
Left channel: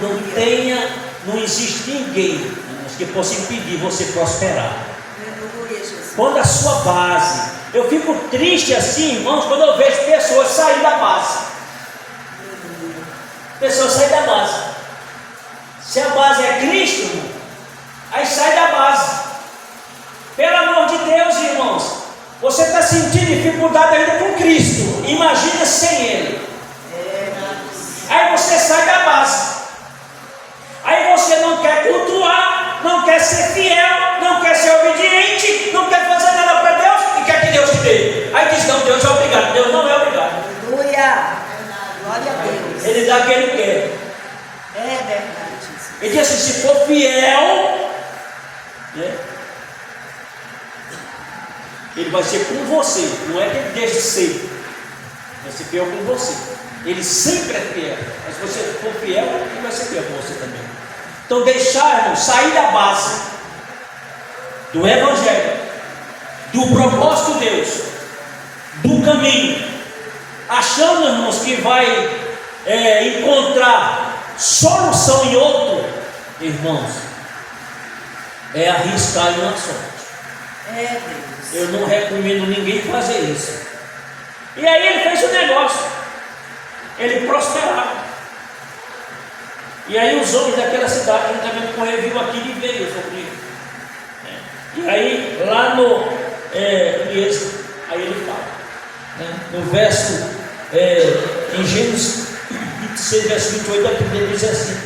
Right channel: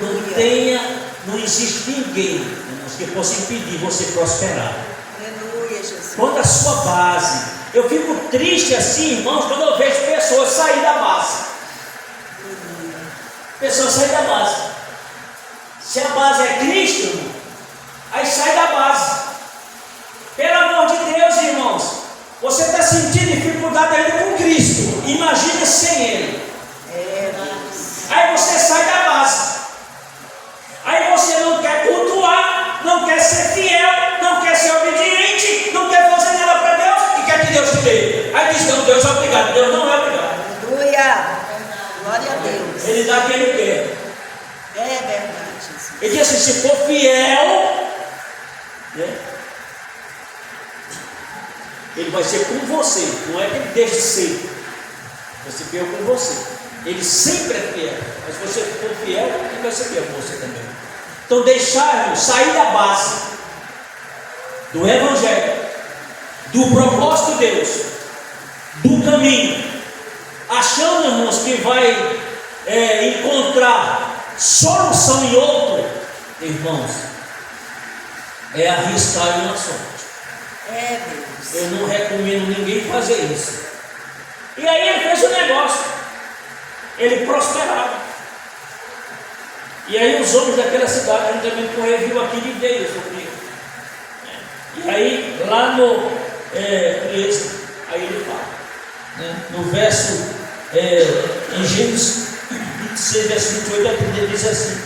não Aleluia. tenha não existe ninguém, irmãos, que possa impedir você prosperar. Aleluia, Jesus. Quando a sua base, eu fico triste assim, irmãos, quando eu vejo pessoas sair da base. Pessoas saem da base. Se a base é Cristo, irmão, aí sai da base. Pelo amor de Deus, irmãos, você está sentindo dificuldade ainda com Cristo, imagina sem Ele. Aí você sai da base. Aí você não quer cultuar, não quer ser fiel, não quer ser obediente, não quer fazer nada para Deus e quer que Deus te dê. Aí diz: não, Deus é obrigado. Deus não é obrigado. Aleluia. Glória a Deus. Ele dá quem ele quer. É verdade, Jesus. Ele diz assim: se for fiel, né, ele vai ser com você. Não é que ele deixe de ser, vai ser fiel com você. Ele sempre é fiel. Mas se você for fiel, ele vai ser fiel com você também. Então deixarmos sair da base do Evangelho, do propósito de Deus, do caminho, achando, irmãos, que vai encontrar solução em outro, irmãos, é arriscar uma sorte. É, Deus. Eu não recomendo ninguém fazer isso. E aí ele fez um negócio, ele prosperava. E aí os homens daquela cidade, juntamente com ele, viu aquilo e veio sobre ele. E aí, lá no Êxodo, aí ele fala, né, no verso, em Gênesis 26, verso 28, ele diz assim:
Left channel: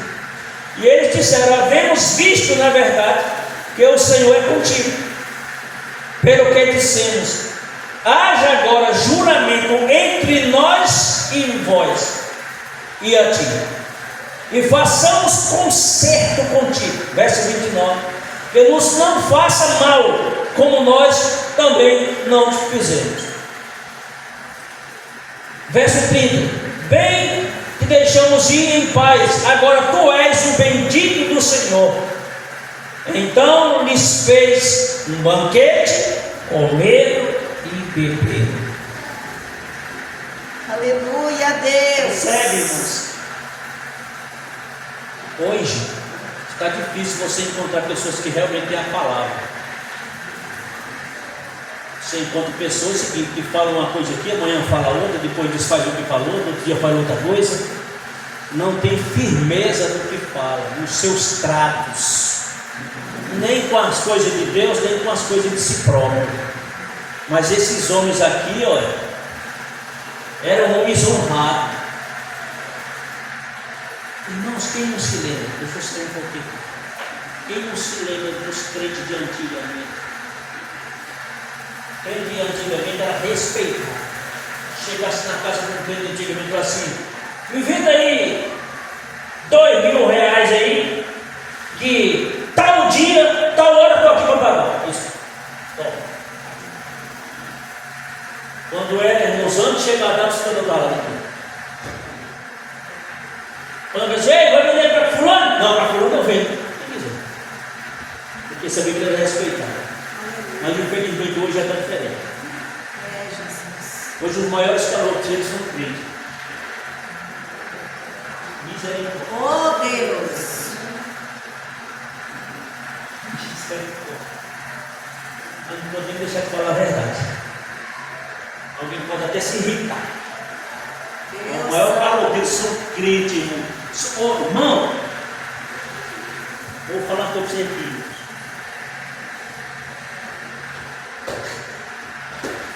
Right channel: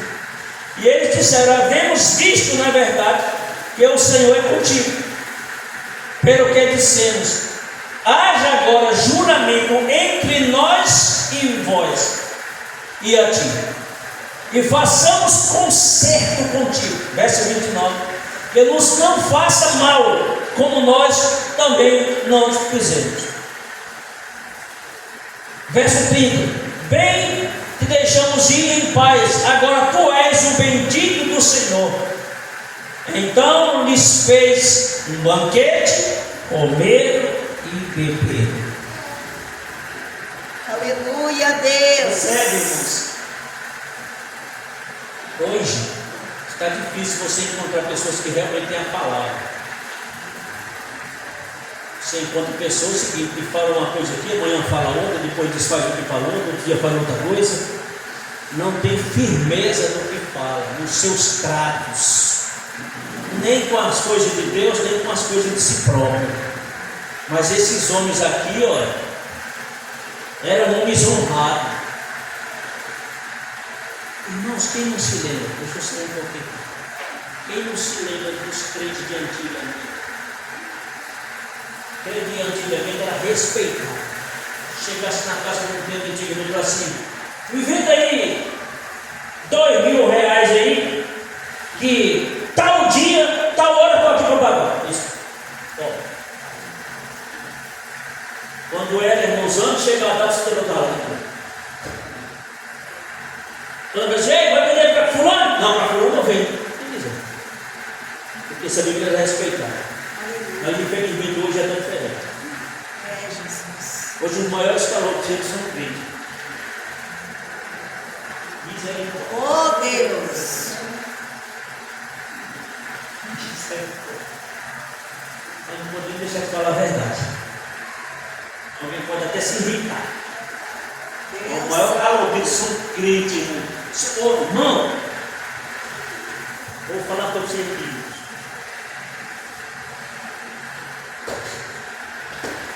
e eles disseram: havemos visto, na verdade, que o Senhor é contigo. Pelo que dissemos: haja agora juramento entre nós e vós e a ti, e façamos concerto contigo. Verso 29: que nos não faça mal, como nós também não te fizemos. Verso 30: bem te deixamos ir em paz, agora tu és o bendito do Senhor. Então lhes fez um banquete, comeram e beberam. Aleluia, Deus. Percebe, irmãos? Hoje está difícil você encontrar pessoas que realmente têm a palavra. Você encontra pessoas que falam uma coisa aqui, amanhã fala outra, depois desfaz o que falou, outro dia fala outra coisa. Não tem firmeza no que fala, nos seus tratos, nem com as coisas de Deus, nem com as coisas de si próprio. Mas esses homens aqui, olha, eram homens honrados. Irmãos, quem não se lembra? Deixa eu ser um pouquinho. Quem não se lembra dos crentes de antigamente? Quem de antigamente era respeitado. Chegasse na casa do crente antigamente e falou assim: me venda aí R$2.000 aí, que tal dia, tal hora eu estou aqui para pagar. Isso. Bom. Quando era, irmãos, antes de chegar lá, você não estava lá. Quando você vai vender para fulano? Não, para fulano não vende. Quem quiser. Porque essa Bíblia era respeitada. Mas infelizmente hoje é tão diferente. É, Jesus. Hoje os maiores caloteiros são crentes. Misericórdia. Oh, Deus. Nós não podemos deixar de falar a verdade. Alguém pode até se irritar. Deus. O maior caloteiro são crentes, irmão. Irmão, vou falar para você aqui.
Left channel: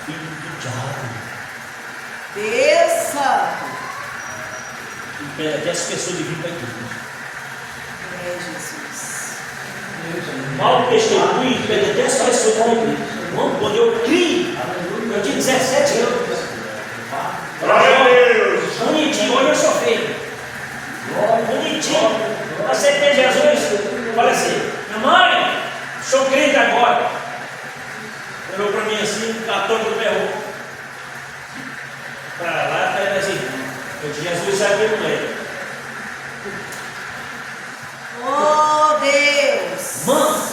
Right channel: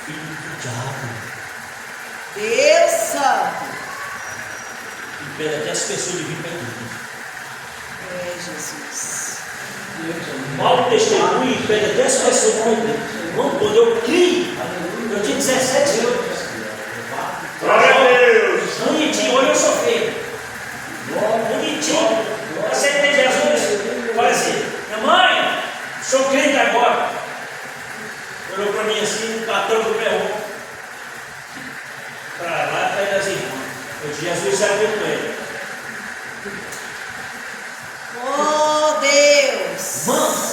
Filho do diabo. Deus santo. Impede as pessoas de vir para a igreja. É, Jesus. Mau testemunho impede até as pessoas de vir para a igreja. Irmão, quando eu criei, eu tinha 17 anos. Glória a Deus. Bonitinho, olha eu sofrendo. Bonitinho. Aceitei Jesus. Falei assim: minha mãe, sou crente agora. Olhou para mim assim, 14 do pé. Para lá, para assim. Eu disse: Jesus saiu com ele. Oh, Deus. Mano,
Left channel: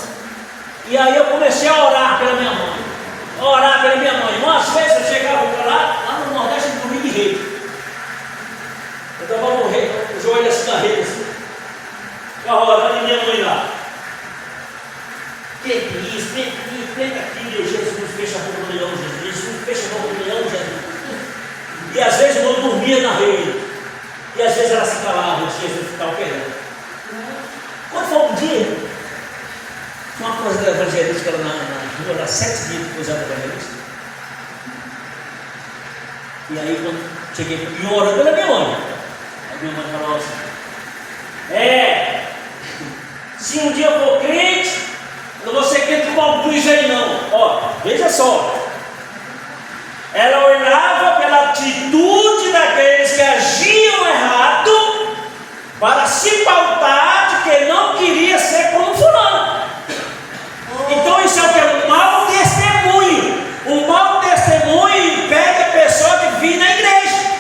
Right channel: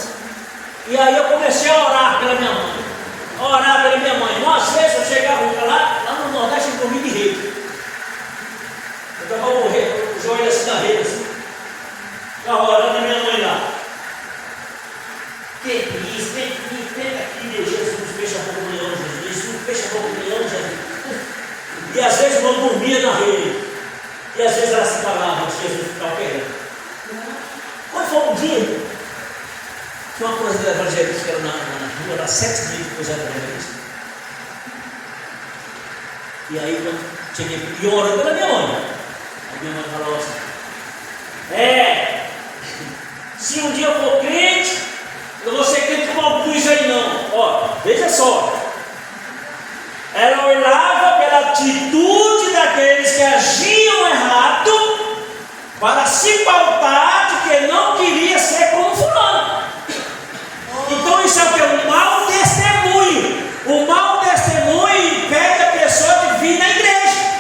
e aí eu comecei a orar pela minha mãe. Orar pela minha mãe. Umas vezes eu chegava lá no Nordeste, eu dormia de rede. Eu dava o joelho assim na rede. Assim. Agora, de minha mãe lá. Tem isso, tem aqui, Jesus, fecha a boca do leão, Jesus, fecha a boca do leão, Jesus. E às vezes eu dormia na rede. E às vezes ela se calava, Jesus ficava querendo. Quando foi um dia, uma coisa da evangelista na rua, era 7 dias que eu usava evangelista. E aí quando cheguei e orando pela minha mãe. Aí minha mãe falou assim: se um dia eu for crente, eu não vou ser crente com algum aí não. Ó, veja só. Ela olhava pela atitude daqueles que agiam errado para se pautar de que não queria ser como fulano. Então isso é o que? Um mau testemunho. O mau testemunho impede a pessoa de vir na igreja.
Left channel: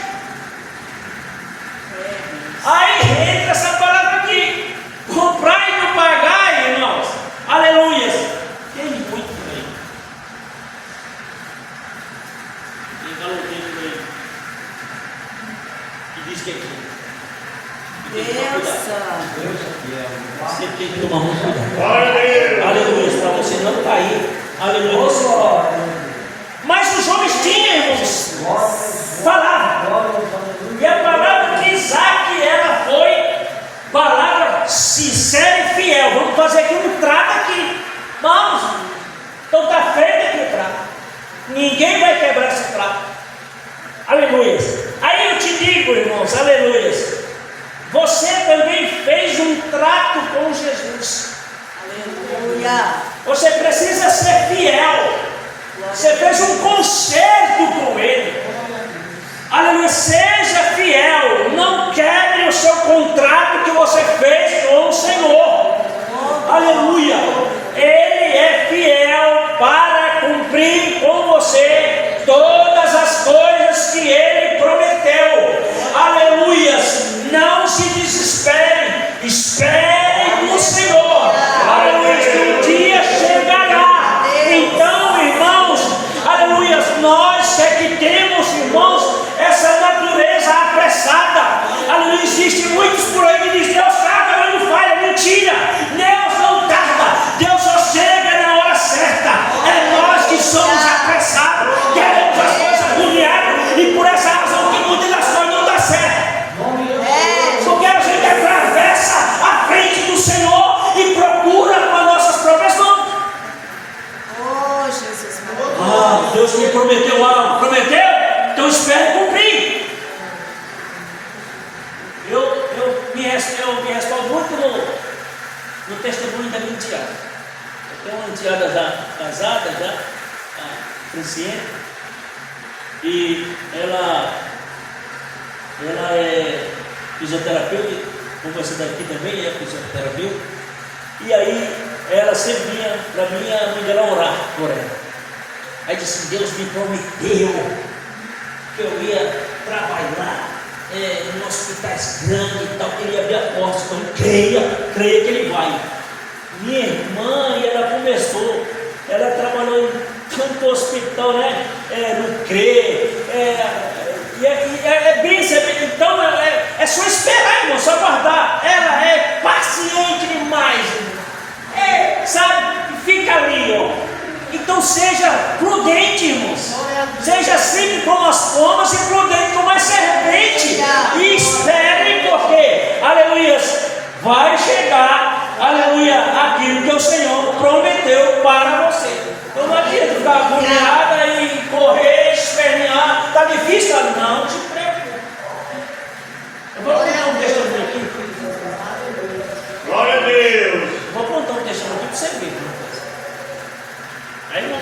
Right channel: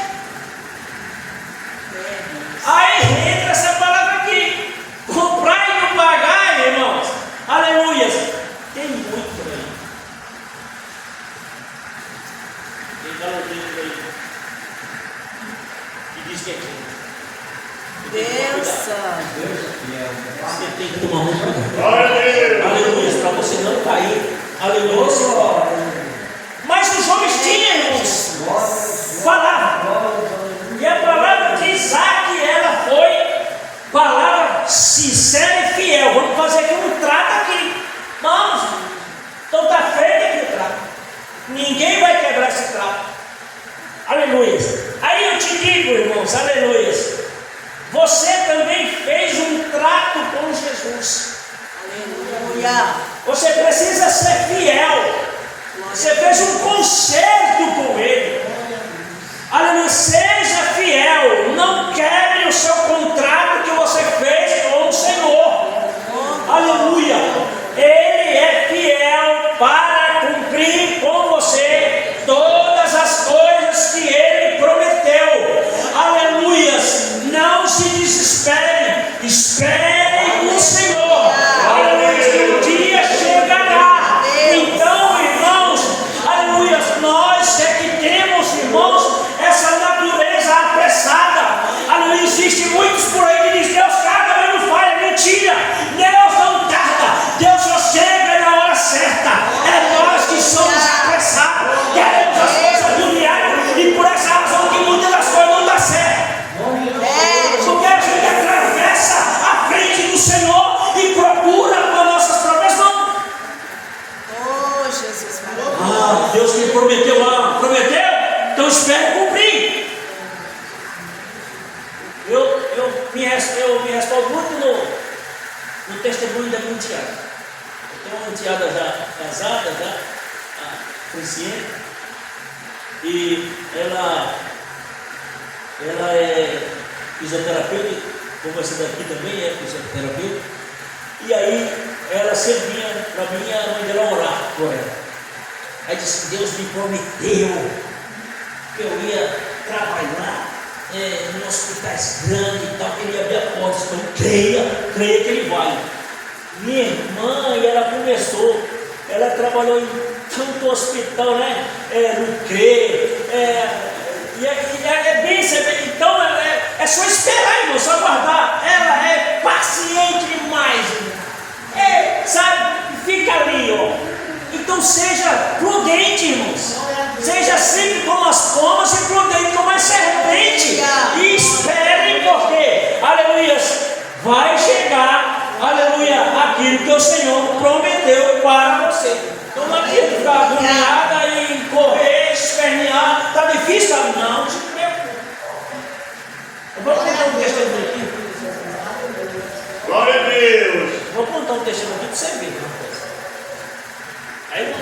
Aí entra essa palavra aqui: comprar e não pagar, irmãos. Aleluia. Tem muito por aí. Tem galoteiro aí que diz que é quem? Deus santo. Você tem que tomar muito cuidado. Glória a Deus. Aleluia, para você não cair. Aleluia, você pode. Mas os homens tinham, irmãos, palavra. E a palavra de Isaac, ela foi palavra sincera e fiel. Vamos fazer aqui um trato aqui. Vamos. Então está feito aqui o trato. Ninguém vai quebrar esse trato. Aleluia. Aí eu te digo, irmãos, aleluia. Você também fez um trato com Jesus. Aleluia. Você precisa ser fiel. Você fez um concerto com Ele. Aleluia. Seja fiel. Não quebre o seu contrato que você fez com o Senhor. Aleluia. Ele é fiel para cumprir com você todas as coisas que Ele prometeu. Aleluia. Não se desespere. Espere no Senhor. Aleluia. Que um dia chegará. Então, irmãos, aleluia, nós é que temos, irmãos, essa natureza apressada. Aleluia. Existe muitos por aí que dizem: Deus tarda, mas não falha. Mentira. Deus não tarda. Deus só chega na hora certa. É nós que somos apressados. Queremos as coisas do diabo. E por essa razão que muitas das coisas não dão certo. Porque a gente atravessa a frente do Senhor e procura com as nossas próprias mãos. Oh, Jesus maravilhoso. Deus me prometeu algo. Prometeu? Então espere cumprir. Eu me respaldo muito no testemunho da minha enteada. Eu tenho uma enteada já casada, já consciente, e ela é fisioterapeuta, como essa daqui também é fisioterapeuta. E aí ela sempre vinha para mim, a mãe dela orar por ela. Aí disse: Deus me prometeu que eu ia trabalhar em hospitais grandes e tal, que ele ia abrir a porta. Então creia que ele vai. Minha irmã, e ela começou, ela trabalhou em tanto hospital, né? No CRE, e é bem, então é só esperar, irmão, só aguardar. Ela é paciente demais, sabe? Fica ali, ó. Então seja prudente, irmãos. Seja sempre como as pombas e prudente como a serpente. E espere, porque, aleluia, vai chegar, aleluia, aquilo que o Senhor prometeu para você. Então não adianta ficar agoniada e correr, espernear. Está difícil? Não se preocupe. Eu vou contar um testemunho aqui. Glória a Deus. Vou contar um testemunho aqui para você ver. Aí,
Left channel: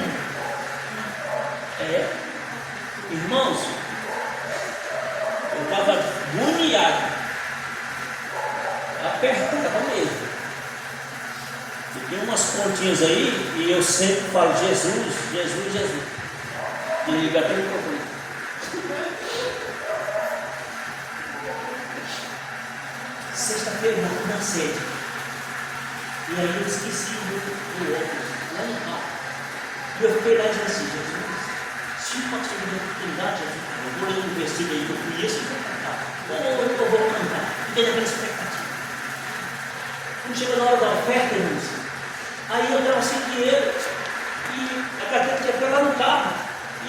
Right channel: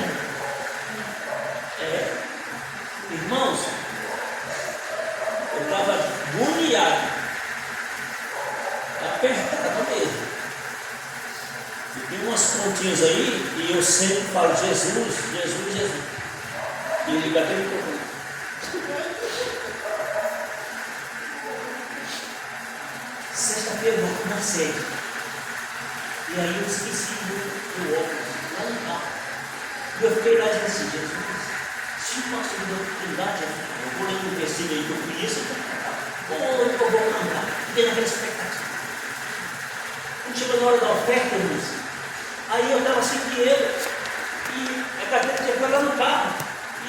irmãos, eu estava agoniado, apertado mesmo. E tem umas pontinhas aí, e eu sempre falo: Jesus, Jesus, Jesus. E ele liga até o microfone. Sexta-feira na sede. E aí eu esqueci do óculos lá em casa. E eu fiquei lá dizendo assim: Jesus, se o pastor me der oportunidade, eu vou ler um versículo aí que eu conheço, ou eu vou cantar, tenho aquela expectativa. na hora da oferta, irmãos. Aí eu estava sem dinheiro e a carteira tinha que pegar no carro.